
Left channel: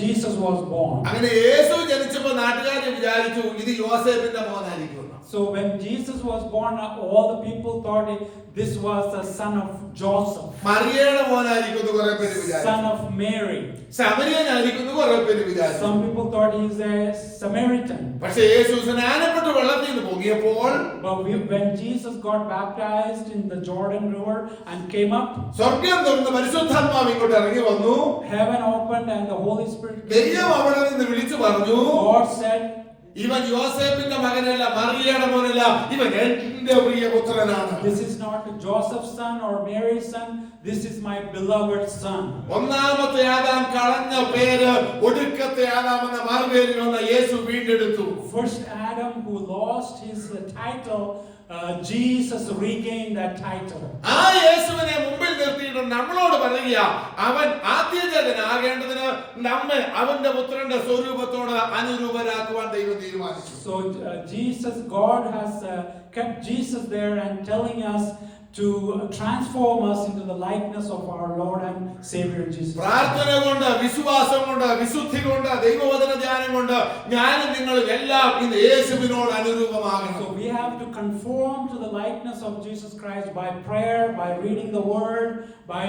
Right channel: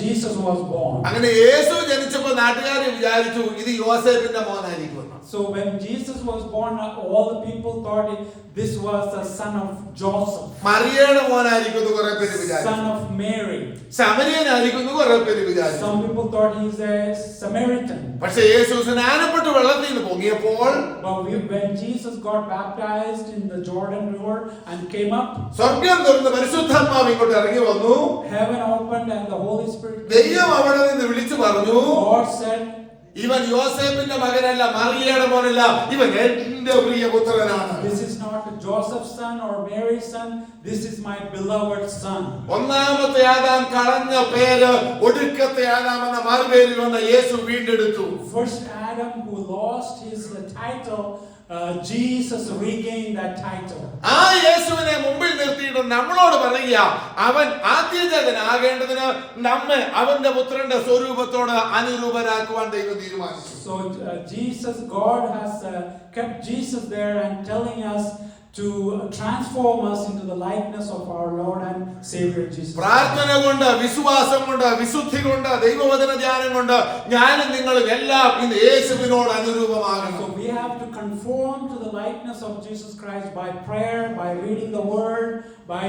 Jesus was born. അങ്ങനെ യേശു ജനിച്ചപ്പോൾ നാട്ടുകാർ വിചാരിച്ചു ഇത് യോസേഫിന്റെ മോനായിരിക്കും. So when Jesus was born, all the people thought this was the son of Joseph. മറിയയുടെ മോനായിരിക്കും എന്ന് കുറേ പേര് വിചാരിച്ചു. Son of Mary. സമരിയനായിരിക്കും എന്ന് കുറേ പേര് വിചാരിച്ചു. Some people thought he is a Samaritan. പക്ഷേ യേശു സ്നാനപ്പെട്ട് വെള്ളത്തിൽ നിന്ന് പൊങ്ങിയപ്പോൾ, But when Jesus got baptized in the Jordan River and came up, സ്വർഗ്ഗം തുറന്ന് പരിശുദ്ധാത്മാവ് ഇങ്ങോട്ട് ഇറങ്ങി വന്നു. heaven opened and the Holy Spirit came. ദൈവം അവിടെ നിന്ന് വിളിച്ചു പറഞ്ഞു, God said, ഇവൻ യോസേഫിന്റെ മകനല്ല, മറിയയുടെ മോനല്ല, ഇവൻ എന്റെ പ്രിയപുത്രനാണ്. This is not Joseph's son or Mary's son, this is my beloved son. ഒന്നാമത്തെ ആദാം കളഞ്ഞ പേര് ഒടുക്കത്തെ ആദാം എന്ന മാർഗ്ഗത്തിൽ വന്ന യേശു വീണ്ടെടുത്തു. First Adam who lost his title, Jesus regained that title. ആ യേശുവിനെ മുമ്പിൽ നിർത്തിയിട്ട് നമ്മളോട് പറയുക, അവൻ ആദ്യജാതനാകേണ്ടതിന് നമ്മെ അവന്റെ പുത്രന്റെ സ്വരൂപത്തോട് അനുരൂപരാക്കുവാൻ ദൈവം തീരുമാനിച്ചു. So God has kept Jesus there and telling us to transform us into the likeness of our Lord and Savior Jesus. പ്രാർത്ഥന കൊണ്ട്, വിശ്വാസം കൊണ്ട്, വിശുദ്ധി കൊണ്ട്, ദൈവവചന ധ്യാനം കൊണ്ട് ഞാനും നിങ്ങളും എല്ലാം ഇന്ന് യേശുവിനോട് അനുരൂപമാകണം. So we have to conform to the likeness of Jesus Christ by prayer, by reading the word, by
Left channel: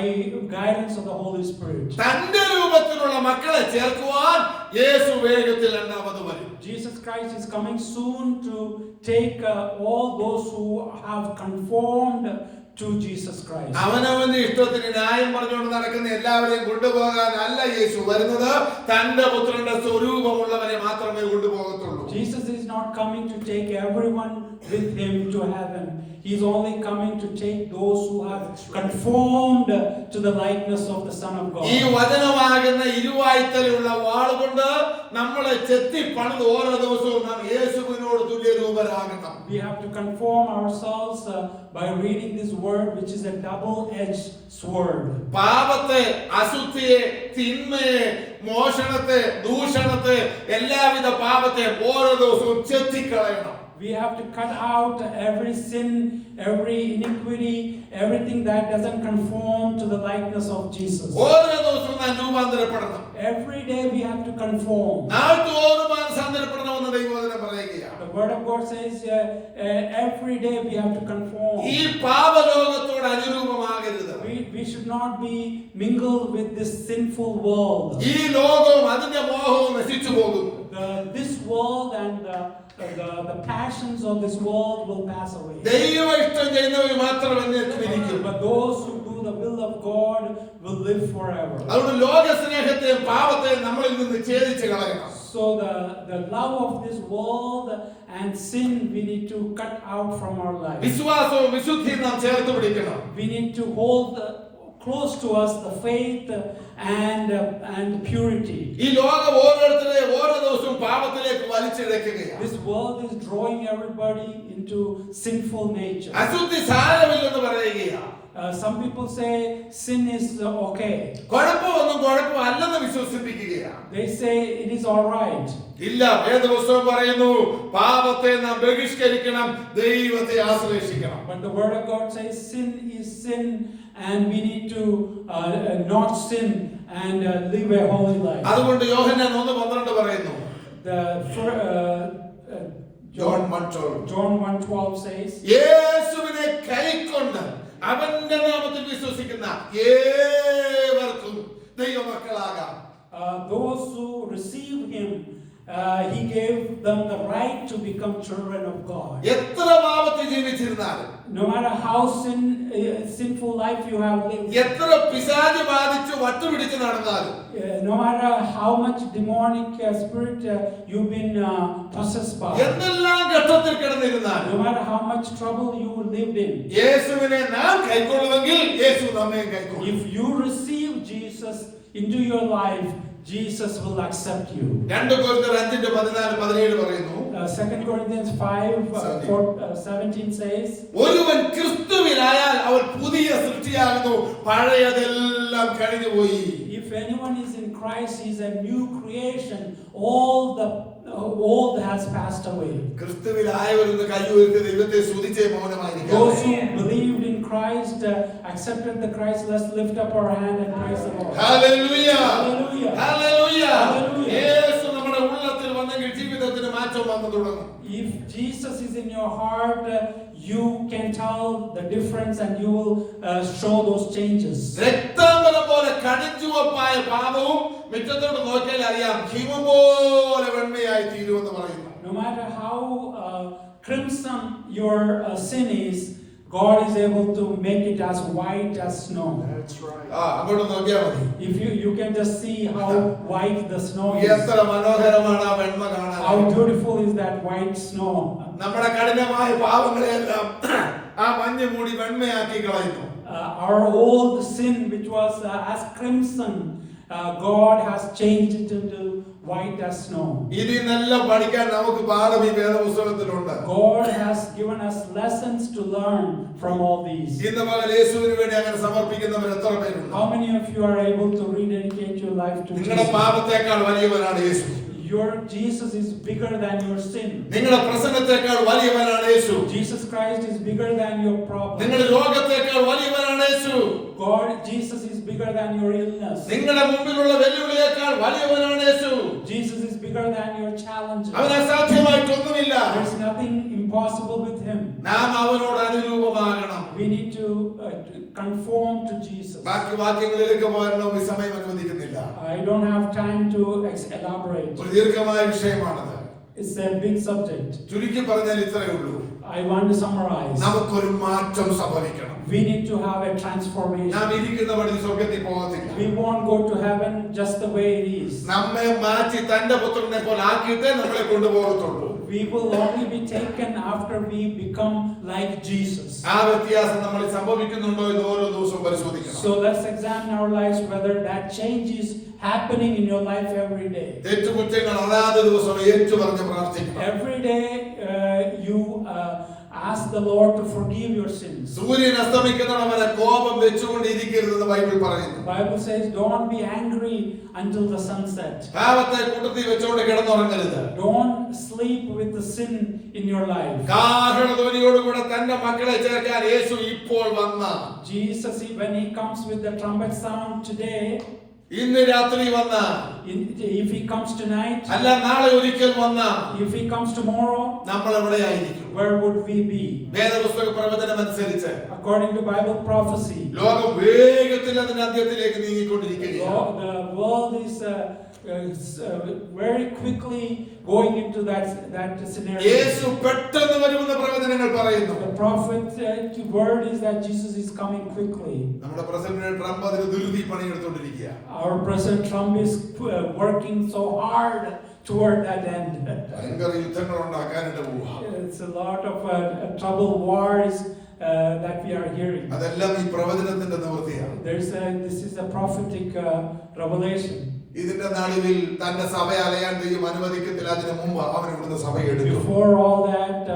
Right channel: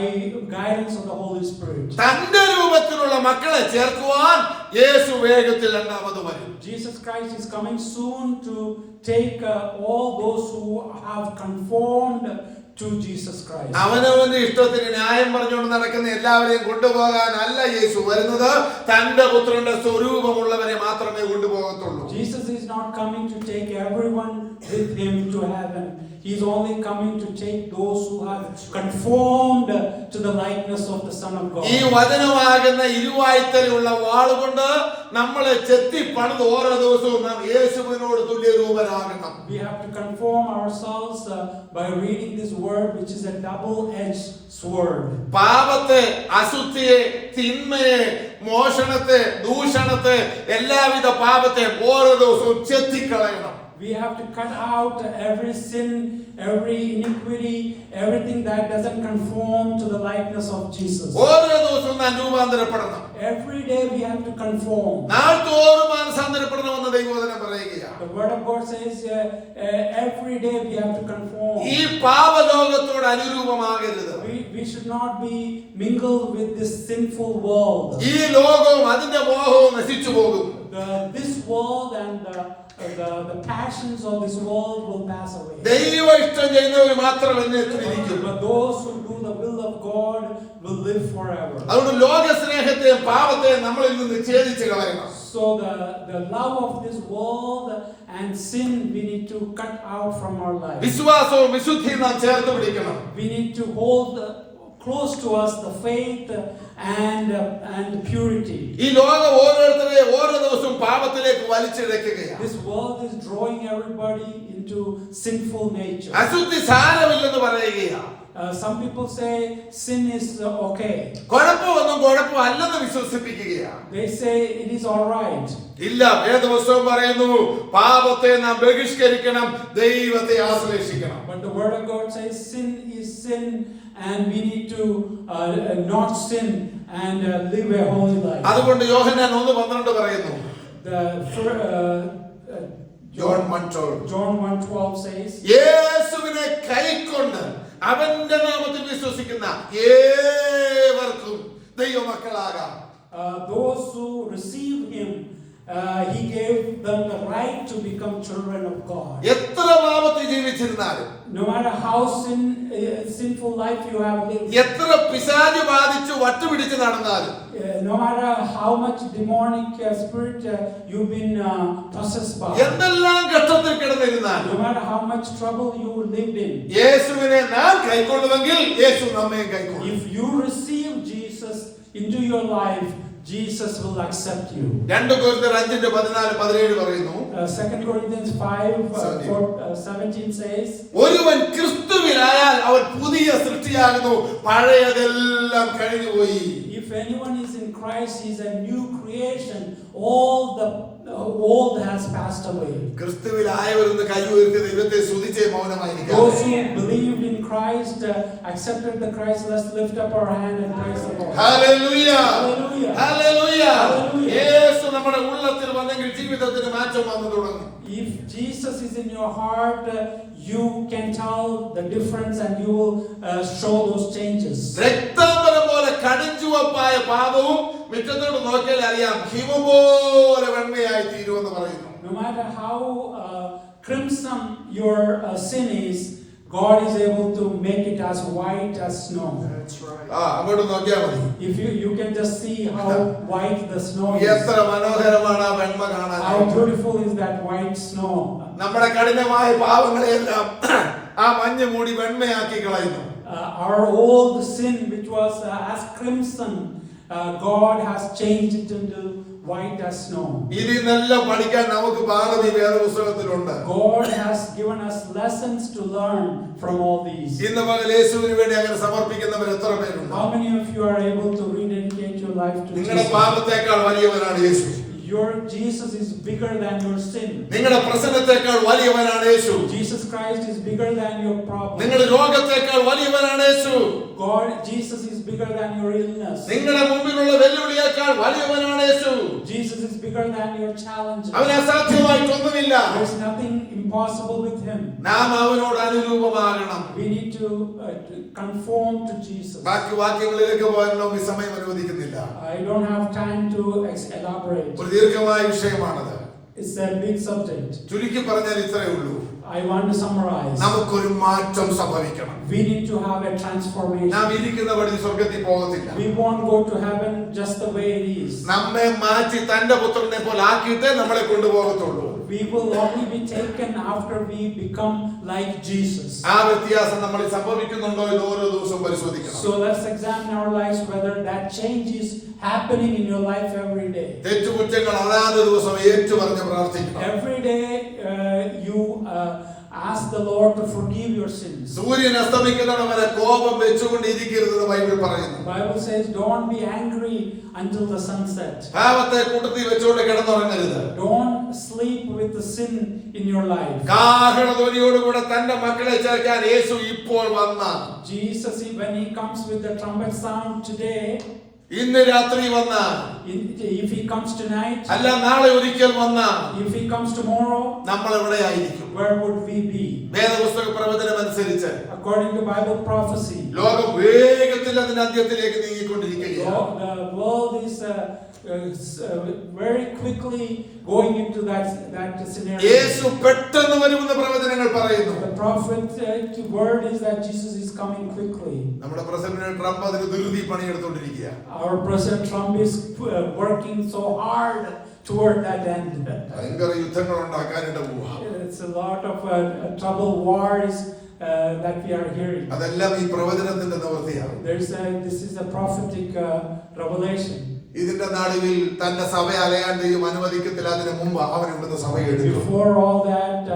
guidance of the Holy Spirit. തന്റെ രൂപത്തിലുള്ള മക്കളെ ചേർക്കുവാൻ യേശു വേഗത്തിൽ രണ്ടാമത് വരും. Jesus Christ is coming soon to take all those who have conformed to Jesus Christ. അവനവന്റെ ഇഷ്ടത്തിന് ന്യായം പറഞ്ഞുകൊണ്ട് നടക്കുന്ന എല്ലാവരെയും കൊണ്ടുപോകാനല്ല യേശു വരുന്നത്, തന്റെ പുത്രന്റെ സ്വരൂപമുള്ളവരെ മാത്രമേ കൊണ്ടുപോകത്തുള്ളൂ. Jesus is not coming to take everyone with him to heaven. He is only coming to take those who have conformed to the likeness of the Son of God. ഈ വചനമാകുന്ന ഇരുവായ്ത്തലുള്ള വാളുകൊണ്ട് നമ്മളെ ചെത്തി പണിത് ഓരോ ദിവസവും നാം യേശുവിനോട് തുല്യരൂപരാകണം. We have to conform ourselves by reading this word, which is a double-edged sword. പാപത്തെ, അശുദ്ധിയെ, തിന്മയെ, മോഷണത്തെ, ദൂഷണത്തെ, എല്ലാവിധ പാപത്തെ ഓരോ ദിവസവും ചെത്തിക്കളയണം. We have to cut out every sin, every iniquity, everything that doesn't conform to the likeness of Jesus. ഓരോ ദിവസവും നാം രൂപാന്തരപ്പെടണം. Every day we have to conform. നാൾതോറും മാനസാന്തരപ്പെടണമെന്ന് ദൈവവചനം പറയുകയാണ്. The word of God says every day we have to conform. ഈ പാപലോകത്തോട് അനുരൂപമാകരുത്. We should not be mingled with this sinful world. ഈ ലോകവും അതിന്റെ മോഹവും നശിച്ചു പോകും. This world and the passions of this world will pass away. ദൈവ ഇഷ്ടം ചെയ്യുന്നവർ മാത്രം എന്നേക്കും. But those who do the will of God will live forever. അതുകൊണ്ട് ലോക സ്നേഹത്തെയും പാപത്തെയും നമ്മളിൽ നിന്ന് ഛേദിച്ച് കളയണം. So the love of this world and sin we need to cut out from our life. വിശ്വാസവും വിശുദ്ധിയും നാം ചേർത്ത് പിടിക്കണം. We need to hold close to us the faith and purity. ഈ ലോകം ഓരോരുത്തരെയും ഓരോ ദിവസവും പാപത്തിലേക്ക് വലിച്ചിഴക്കുകയാണ്. This world is drawing everybody in into sinful nature. അശുദ്ധി സാരമില്ലെന്ന് പറയുകയാണ്. Some people say sin is okay. കുഴപ്പമൊന്നും കുഴപ്പമല്ലെന്ന് വിശ്വസിപ്പിക്കുകയാണ്. They say it is all right. ഇല്ല, വേദപുസ്തകം പറയുന്നു പാപത്തെ നാം ബഹിഷ്കരിക്കണം, ദൈവത്തെ ആശ്രയിക്കണം. But the word of God says sin is sin and we need to not sin and live a holy life. അതുകൊണ്ട് യോഹന്നാൻ 1:12 പറയുന്നു. John 1:12 says, യേശുവിനെ കൈക്കൊണ്ട് അവന്റെ നാമത്തിൽ വിശ്വസിക്കുന്ന ഏവർക്കും ദൈവമക്കളാകാം. Those who receive him, he gave them the right to become children of God. എത്ര പാപത്തിൽ ജീവിച്ചിരുന്നാലും, No matter how sinful life you have lived, എത്ര പിശാച് ബാധിച്ചു വട്ടുപിടിച്ച് നടന്നാലും, no matter how much demonic spirit you've been possessed by, എന്തെല്ലാം ഘട്ടത്തിൽ കിടന്നിരുന്നാലും, no matter how much trouble you lived in, യേശുവിനെ നാം കൈക്കൊള്ളുമെങ്കിൽ യേശു നമ്മയും കൈക്കൊള്ളും. if you receive Jesus into your life, Jesus will accept you. 2 Corinthians 5:14-17 പറയുന്നു. 2 Corinthians 5:17 says, ഒരുവൻ ക്രിസ്തുവിലായാൽ അവൻ പുതിയ സൃഷ്ടിയാകുന്നു, പഴയതെല്ലാം കഴിഞ്ഞുപോയി. if anyone is in Christ, he is a new creation. All the old has passed away. ക്രിസ്തുവിലായവരെന്ന് കൈ ഉയർത്തി ദൈവത്തെ സ്തുതിച്ചേ മൗനമായിരിക്കാം. Those who believed in Christ, accepted the Christ, let's lift up our hand and praise the Lord. Hallelujah, Hallelujah. Hallelujah. Hallelujah. യേശു നമ്മുടെ ഉള്ളത്തിൽ വന്നെങ്കിൽ ജീവിതത്തിന് മാറ്റം വന്നു തുടങ്ങും. If Jesus is in your heart, you can tell the difference and you will show those changes. രക്താംബരം പോലെ കടുഞ്ചുവപ്പായ പാപവും മുറ്റത്തോട് നോക്കിയാൽ അറിയാം ഹിമം പോലെ വെണ്മയായി തീരുമെന്ന് പറയുന്നു. No matter how crimson your sin is, God is able to make it as white as snow. That's right. അങ്ങോട്ട് നോക്കിയാൽ മതി. If you can just see how white the snow is. എത്ര മനോഹരമാണ് ആ വെണ്മ കാണാൻ. How beautiful is that white snow. നമ്മുടെ കഠിനമായ പാപങ്ങളെല്ലാം ആ മഞ്ഞ് മൂടി വെണ്മയാക്കി കളയുന്നു. Our old sin, which was as crimson, God has changed it into white as snow. ഇതിനെല്ലാം പഠിക്കാൻ നമുക്ക് പാഠം ഈ വേദപുസ്തകത്തിലുണ്ട്. God has given us lessons to learn from all these. ഇന്ന് പകൽ യേശുവിന് വേണ്ടി അങ്ങനെ സമർപ്പിക്കുന്നവർ എത്ര പേരുണ്ട്? How many of you are able to rededicate your life to നിങ്ങളുടെ Jesus? പാപത്തെക്കാൾ വലിയവനാണ് യേശു. Your Jesus is bigger than your sin. നിങ്ങളുടെ പ്രശ്നത്തെക്കാൾ വലിയവനാണ് യേശു. Jesus Christ is bigger than your problem. നിങ്ങളുടെ രോഗത്തെക്കാൾ വലിയവനാണ് യേശു. God, Jesus is bigger than your illness. നിങ്ങളുടെ മുമ്പിലുള്ള വെല്ലുവിളിയേക്കാൾ വലിയവനാണ് യേശു. Jesus is bigger than your challenges. അവന് അസാധ്യമായിട്ടൊന്നുമില്ല. There's nothing impossible with him. നാം അവനോട് അനുരൂപമാകണം. We need to conform to Jesus. ബാക്കി വാക്യങ്ങളിലേക്ക് പോകാൻ നമുക്ക് സമയം അനുവദിക്കുന്നില്ല. I don't have time to elaborate. ഒരു ദീർഘമായ വിഷയമാണത്. It's a big subject. ചുരുക്കി പറഞ്ഞാൽ ഇത്രയേ ഉള്ളൂ. I want to summarize. നമുക്കൊരു മാറ്റം സംഭവിക്കണം. We need to have a transformation. നാം ഇരിക്കുന്ന വഴി സ്വർഗ്ഗത്തിൽ പോകത്തില്ല. We won't go to heaven just the way it is. നമ്മെ മാറ്റി തന്റെ പുത്രനെ പോലെ ആക്കിയിട്ടേ നമ്മളെ കൊണ്ടുപോകത്തുള്ളൂ. We will only be taken after we become like Jesus. ആ വ്യത്യാസം നമ്മളിൽ സംഭവിക്കുന്നുണ്ടോ എന്ന് ഓരോ ദിവസവും പരിശോധിക്കണം. So let's examine our lives whether that change is happening in your life every day. തെറ്റുകുറ്റങ്ങൾ അതാത് ദിവസം ഏറ്റുപറഞ്ഞ് പ്രാർത്ഥിക്കണം. Every day you ask the Lord to forgive your sins. സൂര്യൻ അസ്തമിക്കുന്നതിന് വരെ കോപം വെച്ചുകൊണ്ടിരിക്കരുതെന്ന് ബൈബിൾ പറയുന്നു. Bible says don't be angry until the sunset. പാപത്തെ കൂട്ടത്തിൽ വെച്ചുകൊണ്ട് കിടന്നുറങ്ങരുത്. Don't sleep with the sin in your life. കാഹളധ്വനിയോടുകൂടെ തന്റെ മക്കളെ ചേർക്കാൻ യേശു ഇപ്പോൾ വന്ന Jesus, when he comes with the trumpet sound today, ഇന്ന് രാത്രി വന്ന if he comes tonight, അല്ല നാളെ ഒരിക്കൽ വന്ന if he comes tomorrow, നമ്മൾ എവിടെയായിരിക്കും? where would we be? വേദപുസ്തക പ്രവചനം അനുസരിച്ച് According to Bible prophecy, ലോകം വേഗത്തിൽ അതിന്റെ അന്ത്യത്തിലേക്ക് നീങ്ങിക്കൊണ്ടിരിക്കുകയാണ്. the world is very quickly going into that scenario. യേശു പെട്ടെന്ന് വരുമെന്ന് പ്രവചനങ്ങൾ പറയുന്നു. The prophetic word is that Jesus is coming quickly. നമ്മുടെ പ്രസിഡന്റ് ട്രംപ് അതിന് ദുരുതി പണിയെടുത്തുകൊണ്ടിരിക്കുക. Our President Trump is working so hard toward that end. ഭയങ്കര യുദ്ധങ്ങൾ ഉണ്ടാക്കാനിട പോവാ. It's a lot of trouble wars that we are hearing. അതെല്ലാം ഈ പ്രവചനത്തിന്റെ നിവൃത്തിയാണ്. This is a prophetic revelation. ഇതിന്റെ നടുവിൽ തന്റെ സഭ അലയാൻ ദൈവം അനുവദിക്കത്തില്ല. അതിനു മുമ്പ് അവൻ ഇവിടുന്ന് സഭയെ എടുത്തു. Before all that,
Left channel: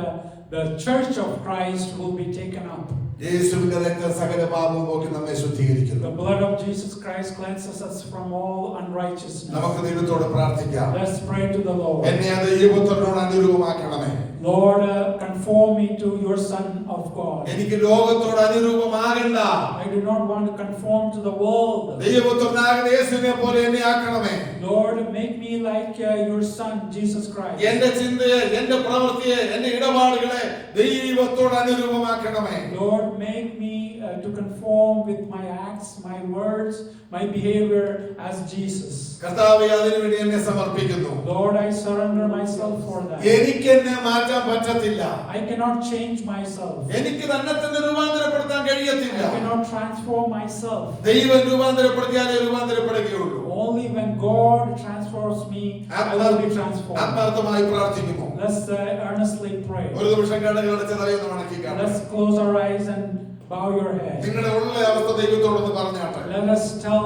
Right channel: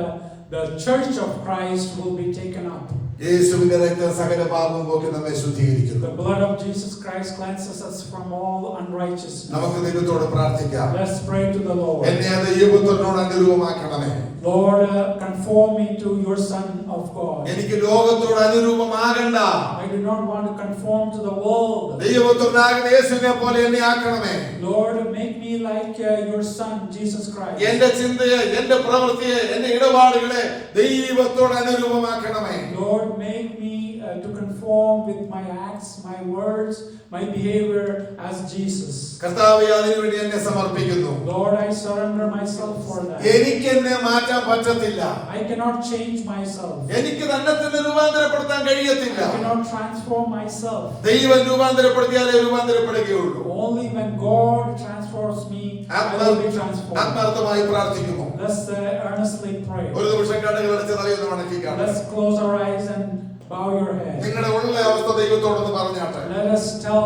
the church of Christ will be taken up. യേശുവിന്റെ രക്തം സകല പാപവും പോക്കി നമ്മെ ശുദ്ധീകരിക്കുന്നു. The blood of Jesus Christ cleanses us from all unrighteousness. നമുക്ക് ദൈവത്തോട് പ്രാർത്ഥിക്കാം. Let's pray to the Lord. എന്നെ ദൈവപുത്രനോട് അനുരൂപമാക്കണമേ. Lord, conform me to your Son of God. എനിക്ക് ലോകത്തോട് അനുരൂപമാകണ്ട. I do not want to conform to the world. ദൈവപുത്രനാകുന്ന യേശുവിനെ പോലെ എന്നെ ആക്കണമേ. Lord, make me like your Son Jesus Christ. എന്റെ ചിന്തയെ, എന്റെ പ്രവൃത്തിയെ, എന്റെ ഇടപാടുകളെ ദൈവത്തോട് അനുരൂപമാക്കണമേ. Lord, make me to conform with my acts, my words, my behavior as Jesus. കർത്താവേ, അതിനുവേണ്ടി എന്നെ സമർപ്പിക്കുന്നു. Lord, I surrender myself for that. എനിക്ക് എന്നെ മാറ്റാൻ പറ്റത്തില്ല. I cannot change myself. എനിക്ക് തന്നെ രൂപാന്തരപ്പെടുത്താൻ കഴിയത്തില്ല. I cannot transform myself. ദൈവം രൂപാന്തരപ്പെടുത്തിയാലേ രൂപാന്തരപ്പെടുകയുള്ളൂ. Only when God transforms me, I will be transformed. ആത്മാർത്ഥമായി പ്രാർത്ഥിക്കുന്നു. Let's earnestly pray. ഒരു നിമിഷം കണ്ണുകൾ അടച്ച് തലയൊന്ന് വണക്കിക്കാട്ടെ. Let's close our eyes and bow your head. നിങ്ങളുടെ ഉള്ള അവസ്ഥ ദൈവത്തോടൊന്ന് പറഞ്ഞാട്ടെ. Let us tell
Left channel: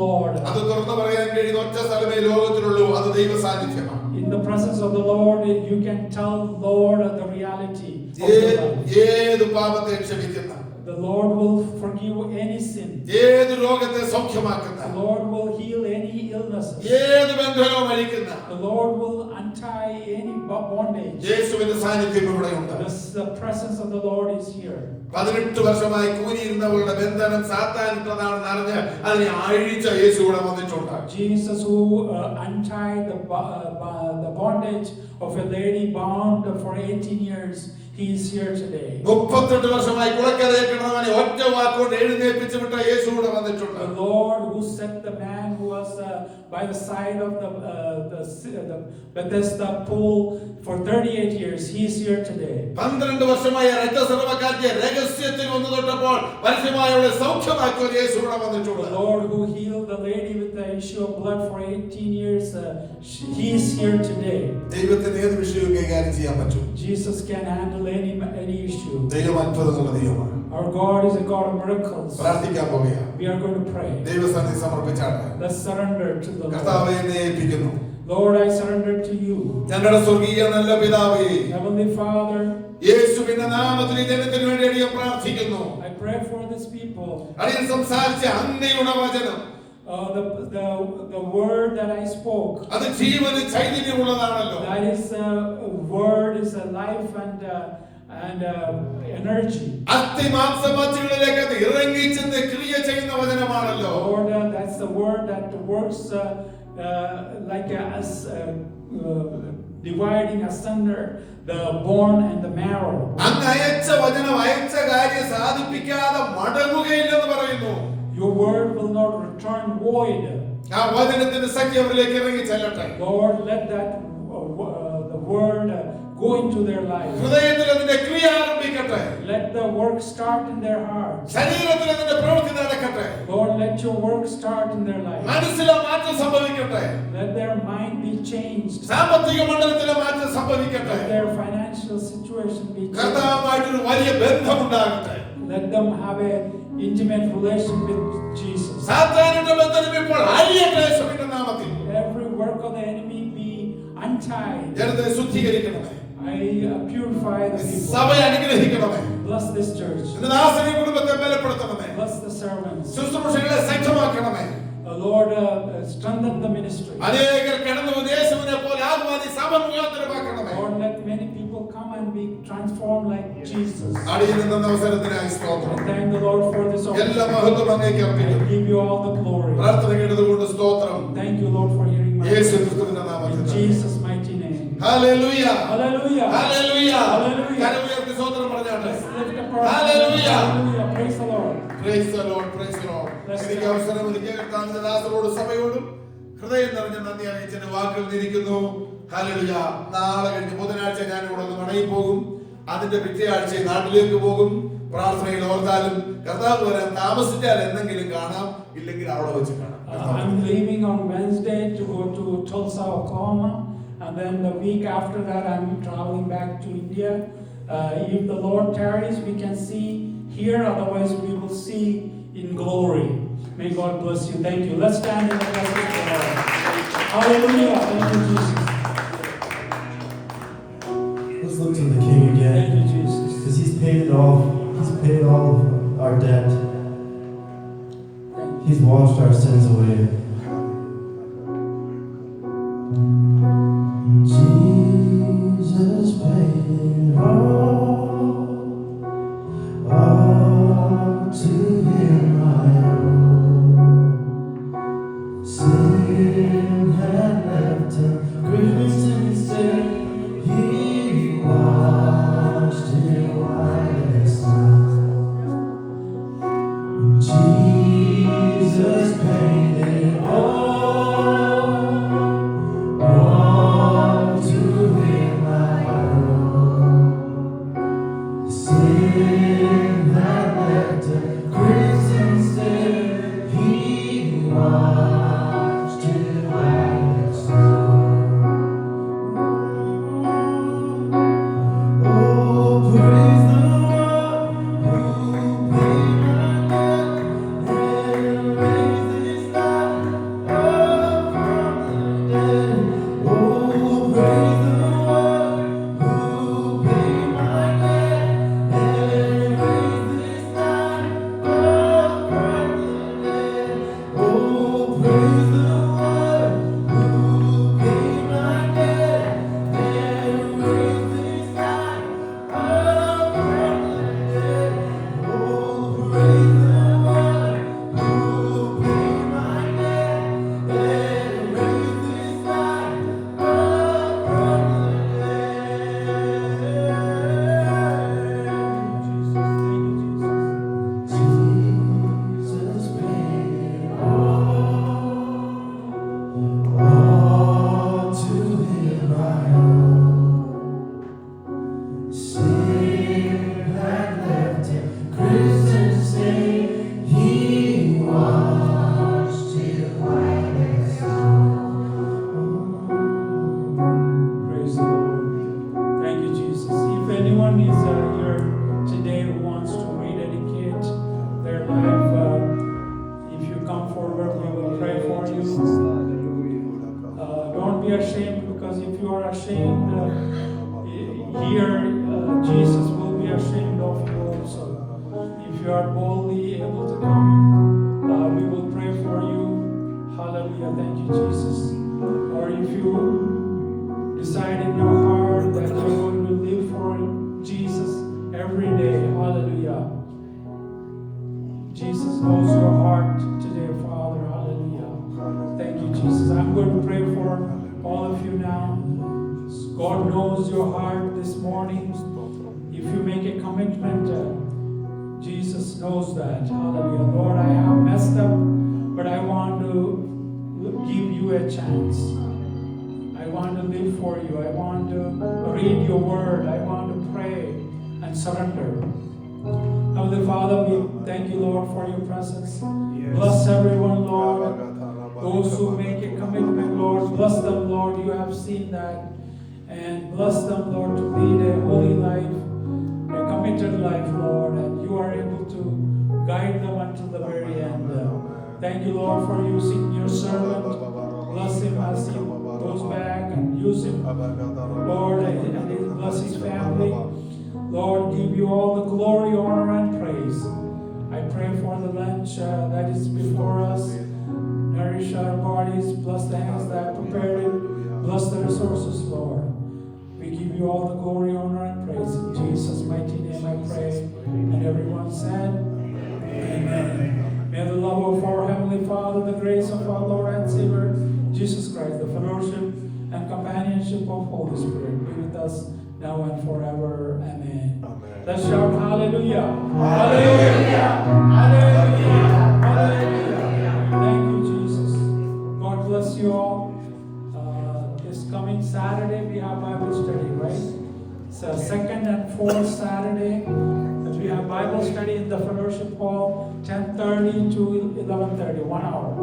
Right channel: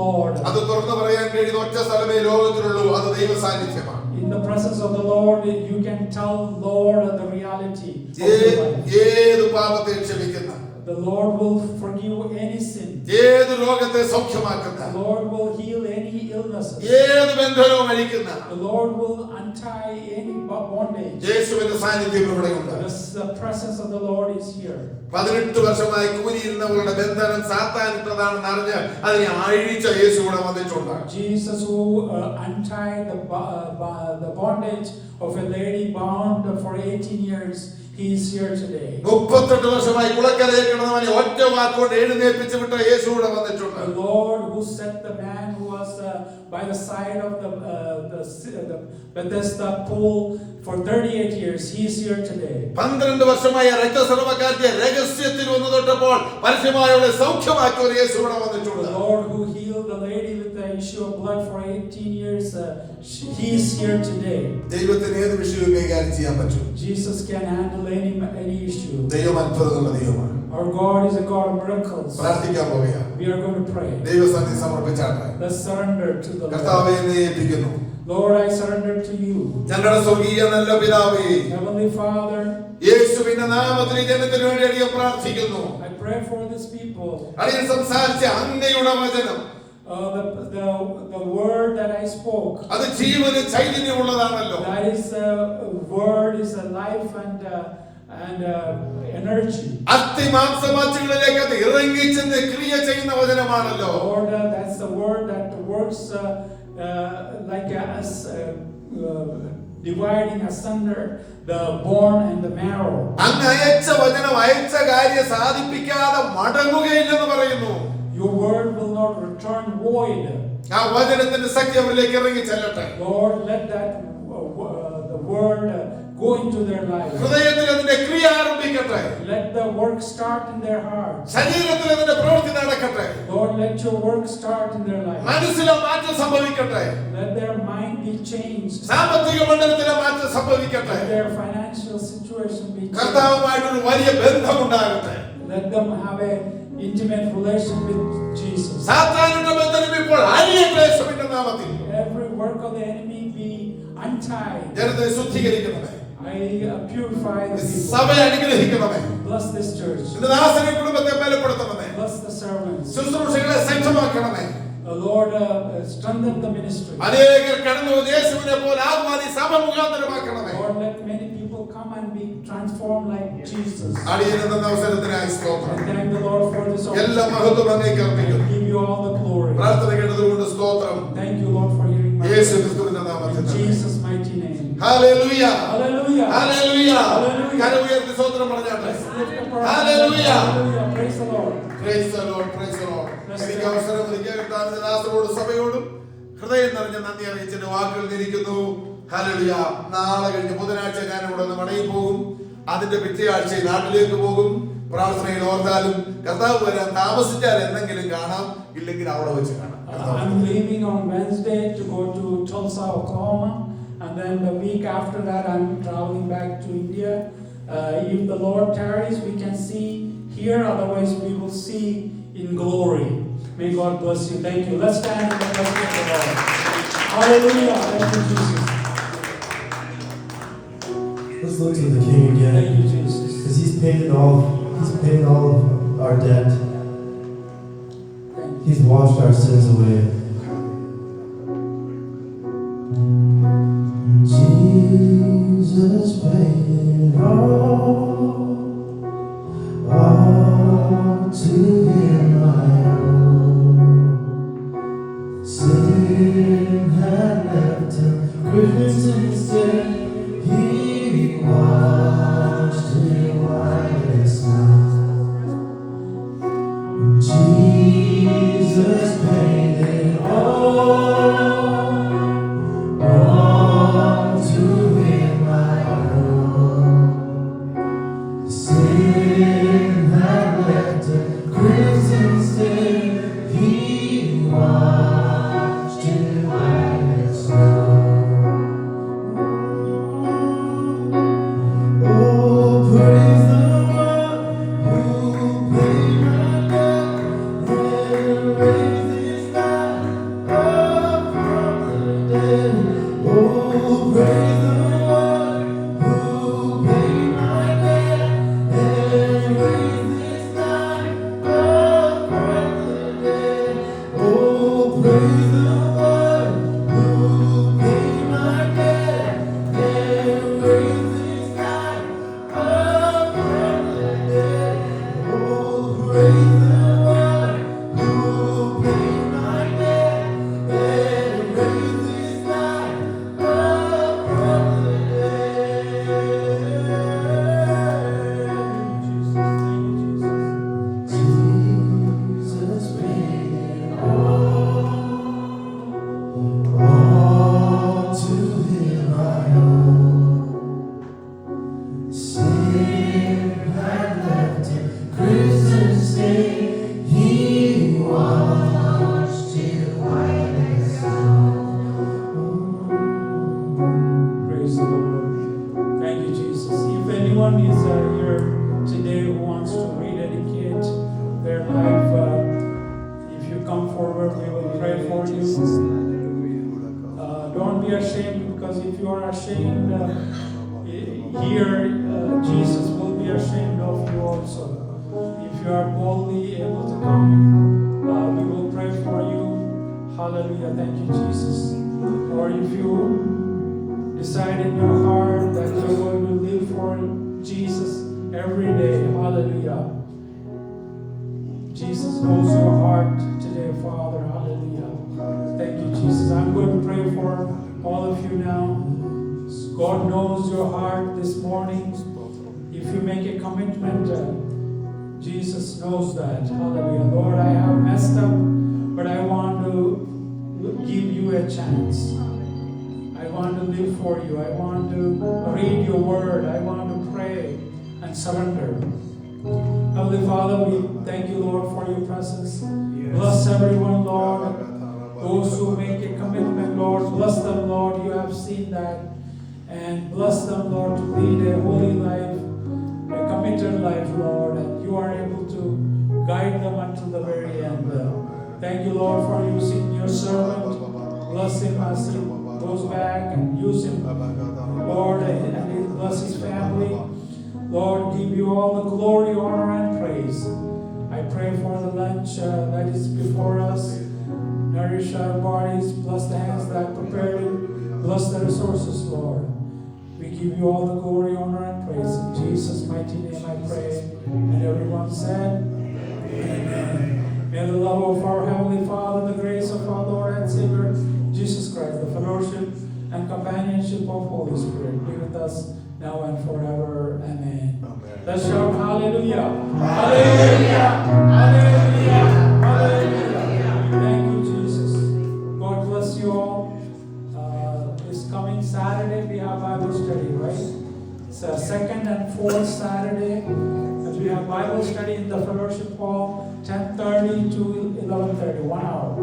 Lord. അത് തുറന്നു പറയാൻ കഴിയുന്ന ഒറ്റ സ്ഥലമേ ലോകത്തിലുള്ളൂ, അത് ദൈവ സാന്നിധ്യമാണ്. In the presence of the Lord, you can tell Lord the reality of your life. ഏത് പാപത്തെ ക്ഷമിക്കുന്ന, The Lord will forgive any sin. ഏത് രോഗത്തെ സൗഖ്യമാക്കുന്ന, The Lord will heal any illnesses. ഏത് ബന്ധനവും അഴിക്കുന്ന, The Lord will untie any bondage. യേശുവിന്റെ സാന്നിധ്യം ഇവിടെയുണ്ട്. The presence of the Lord is here. 18 വർഷമായി കൂനിയിരുന്നവരുടെ ബന്ധനം സാത്താനിട്ടതാണെന്ന് അറിഞ്ഞ് അതിനെ അഴിച്ച യേശു ഇവിടെ വന്നിട്ടുണ്ട്. Jesus who untied the bondage of a lady bound for 18 years, he is here today. 38 വർഷമായി കുളക്കരയിൽ കിടന്നവനെ ഒറ്റ വാക്കുകൊണ്ട് എഴുന്നേൽപ്പിച്ചു വിട്ട യേശു ഇവിടെ വന്നിട്ടുണ്ട്. The Lord who set the man who was by the side of the Bethesda pool for 38 years, he is here today. 12 വർഷമായി രക്തസ്രവക്കാരിയെ രഹസ്യത്തിൽ വന്നു തൊട്ടപ്പോൾ പരസ്യമായവളെ സൗഖ്യമാക്കിയ ഒരു യേശു ഇവിടെ വന്നിട്ടുണ്ട്. The Lord who healed the lady with the issue of blood for 18 years, he is here today. ദൈവത്തിന് ഏത് വിഷയവും കൈകാര്യം ചെയ്യാൻ പറ്റും. Jesus can handle any issue. ദൈവം അത്ഭുതങ്ങളുടെ ദൈവമാണ്. Our God is a God of miracles. പ്രാർത്ഥിക്കാൻ പോവുകയാണ്. We are going to pray. ദൈവസന്നിധി സമർപ്പിച്ചാണ്. Let's surrender to the കർത്താവേ, Lord. എന്നെ ഏൽപ്പിക്കുന്നു. Lord, I surrender to you. ഞങ്ങളുടെ സ്വർഗീയ നല്ല പിതാവേ, Heavenly Father, യേശുവിന്റെ നാമത്തിൽ ഈ ജനത്തിന് വേണ്ടി അടിയൻ പ്രാർത്ഥിക്കുന്നു. I pray for these people. അടിയൻ സംസാരിച്ച അങ്ങയുടെ വചനം, The word that I spoke, അത് ജീവന് ചൈതന്യമുള്ളതാണല്ലോ. that is word is a life and energy. അസ്ഥിമാംസമാച്ചുകളിലേക്ക് അത് ഇറങ്ങിച്ചെന്ന് ക്രിയ ചെയ്യുന്ന വചനമാണല്ലോ. Lord, that's the word that works like us dividing asunder the bone and the marrow. അങ്ങ് അയച്ച വചനം അയച്ച കാര്യം സാധിപ്പിക്കാതെ മടങ്ങുകയില്ലെന്ന് പറയുന്നു. Your word will not return void. ആ വചനത്തിന്റെ ശക്തി അവരിലേക്ക് ഇറങ്ങി ചെല്ലട്ടെ. Lord, let that the word go into their lives. ഹൃദയത്തിൽ അതിന്റെ ക്രിയ ആരംഭിക്കട്ടെ. Let the work start in their hearts. ശരീരത്തിൽ അതിന്റെ പ്രവൃത്തി നടക്കട്ടെ. Lord, let your work start in their lives. മനസ്സിലെ മാറ്റം സംഭവിക്കട്ടെ. Let their mind be changed. സാമ്പത്തിക മണ്ഡലത്തിലെ മാറ്റം സംഭവിക്കട്ടെ. Let their financial situation be changed. കർത്താവുമായിട്ടൊരു വലിയ ബന്ധമുണ്ടാകട്ടെ. Let them have a intimate relation with Jesus. സാത്താനുടെ ബന്ധനം ഇപ്പോൾ അഴിയട്ടെ യേശുവിന്റെ നാമത്തിൽ. Every work of the enemy be untied. ജനത്തെ ശുദ്ധീകരിക്കണമേ. I purify the people. സഭയെ അനുഗ്രഹിക്കണമേ. Bless this church. നിന്റെ ദാസനെ കുടുംബത്തെ ബലപ്പെടുത്തണമേ. Bless the servants. ശുശ്രൂഷകളെ സജ്ജമാക്കണമേ. Lord, strengthen the ministry. അനേകർ കടന്നു യേശുവിനെ പോലെ ആകുവാൻ ഈ സഭ മുഖാന്തരമാക്കണമേ. Lord, let many people come and be transformed like Jesus. അടിയന് തന്ന അവസരത്തിനായി സ്തോത്രം. I thank the Lord for this എല്ലാ opportunity. മഹത്വം അങ്ങേക്ക് I അർപ്പിക്കുന്നു. give you all the glory. പ്രാർത്ഥന കേട്ടതുകൊണ്ട് സ്തോത്രം. Thank you, Lord, for hearing my യേശു prayer. ക്രിസ്തുവിന്റെ നാമത്തിൽ In Jesus' mighty name. Hallelujah. Hallelujah. Hallelujah. Hallelujah. കരമുയർത്തി സ്തോത്രം പറഞ്ഞാട്ടെ. Let's lift up our hands. Hallelujah. Hallelujah. Praise the Lord. Praise the Lord. Praise the Lord. എനിക്ക് അവസരം ഒരുക്കിയ കർത്താവിന്റെ ദാസരോടും സഭയോടും ഹൃദയം നിറഞ്ഞ നന്ദി അറിയിച്ചതിന്റെ വാക്കുകൾ നിരിക്കുന്നു. ഹല്ലേലൂയ. നാളെ കഴിഞ്ഞ് ബുധനാഴ്ച ഞാൻ ഇവിടെ നിന്ന് മടങ്ങി പോകും. അതിന്റെ പിറ്റേ ആഴ്ച നാട്ടിലേക്ക് പോകും. പ്രാർത്ഥനയിൽ ഓർത്താലും കർത്താവ് വരാൻ താമസിച്ചാൽ എന്തെങ്കിലും കാണാം, ഇല്ലെങ്കിൽ അവിടെ വെച്ച് കാണാം. I'm leaving on Wednesday to go to Tulsa, Oklahoma, and then the week after that I'm traveling back to India. If the Lord tarries, we can see here, otherwise we will see in glory. May God bless you. Thank you. Let's stand in the presence of the Lord. Hallelujah. Thank you, Jesus. look to the King Thank again, you, Jesus. because He's paid it all. He's paid all of our debt. Thank you. He's washed our sins away. Jesus paid it all to Him I owe. Sin had left Him crimson stain. He washed it white as snow. Jesus paid it all to Him I owe. Sin had left a crimson stain. He washed it white as snow. Oh, praise the one who paid my debt and raised His life up from the dead. Oh, praise the one who paid my debt and raised His life up from the dead. Oh, praise the one who paid my debt and raised His life up from the dead. Oh, praise the one who paid my debt and raised His life up from the dead. Jesus paid it all to Him I owe. Sin had left Him crimson stain. He washed it white as snow. Praise the Lord. Thank you, Jesus. If anyone is here today who wants to rededicate their life, if you come forward, we will pray for you. Don't be ashamed, because if you are ashamed here, Jesus will be ashamed of you also. If you are boldly able to come, we will pray for you. Hallelujah. Thank you, Jesus. Or if you decide in your heart that you're going to live for Jesus every day, hallelujah. Jesus knows your heart today, Father, hallelujah. Thank you, Jesus. I'm going to pray for all of you now. God knows your heart this morning. If you make a commitment, Jesus knows that, hallelujah. Lord, I have messed up, but I want to give you a chance. I want to live for you. I want to read your word. I want to pray and surrender. Heavenly Father, we thank you, Lord, for your presence. Bless everyone, Lord. Those who make a commitment, Lord, bless them, Lord. You have seen that. And bless them, Lord, to lead a holy life, a committed life, Lord. And you are able to guide them until the very end. Thank you, Lord, for using your servant. Bless him as he goes back, and use him, Lord, and bless his family. Lord, give you all the glory, honor, and praise. I pray for the lunch that is before us. Nourish our bodies. Bless the hands that prepared it. Bless the resources, Lord. We give you all the glory, honor, and praise. In Jesus' mighty name I pray. And everyone said, Amen. May the love of our Heavenly Father, the grace of our Lord and Savior, Jesus Christ, the fellowship and companionship of Holy Spirit be with us now and forever. Amen. Let's shout hallelujah. Hallelujah. Hallelujah. Hallelujah. Thank you, Jesus. God bless you all. This coming Saturday we have Bible study, right? It's a second and fourth Saturday. We have Bible study in the fellowship hall, 10:30 to 11:30, 1 hour.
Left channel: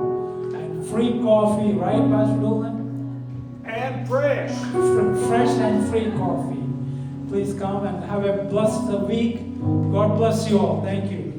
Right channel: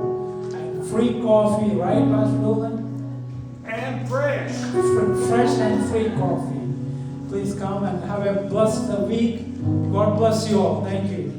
And free coffee, right, Pastor Dolan? And fresh. Fresh and free coffee. Please come and have a blessed week. God bless you all. Thank you.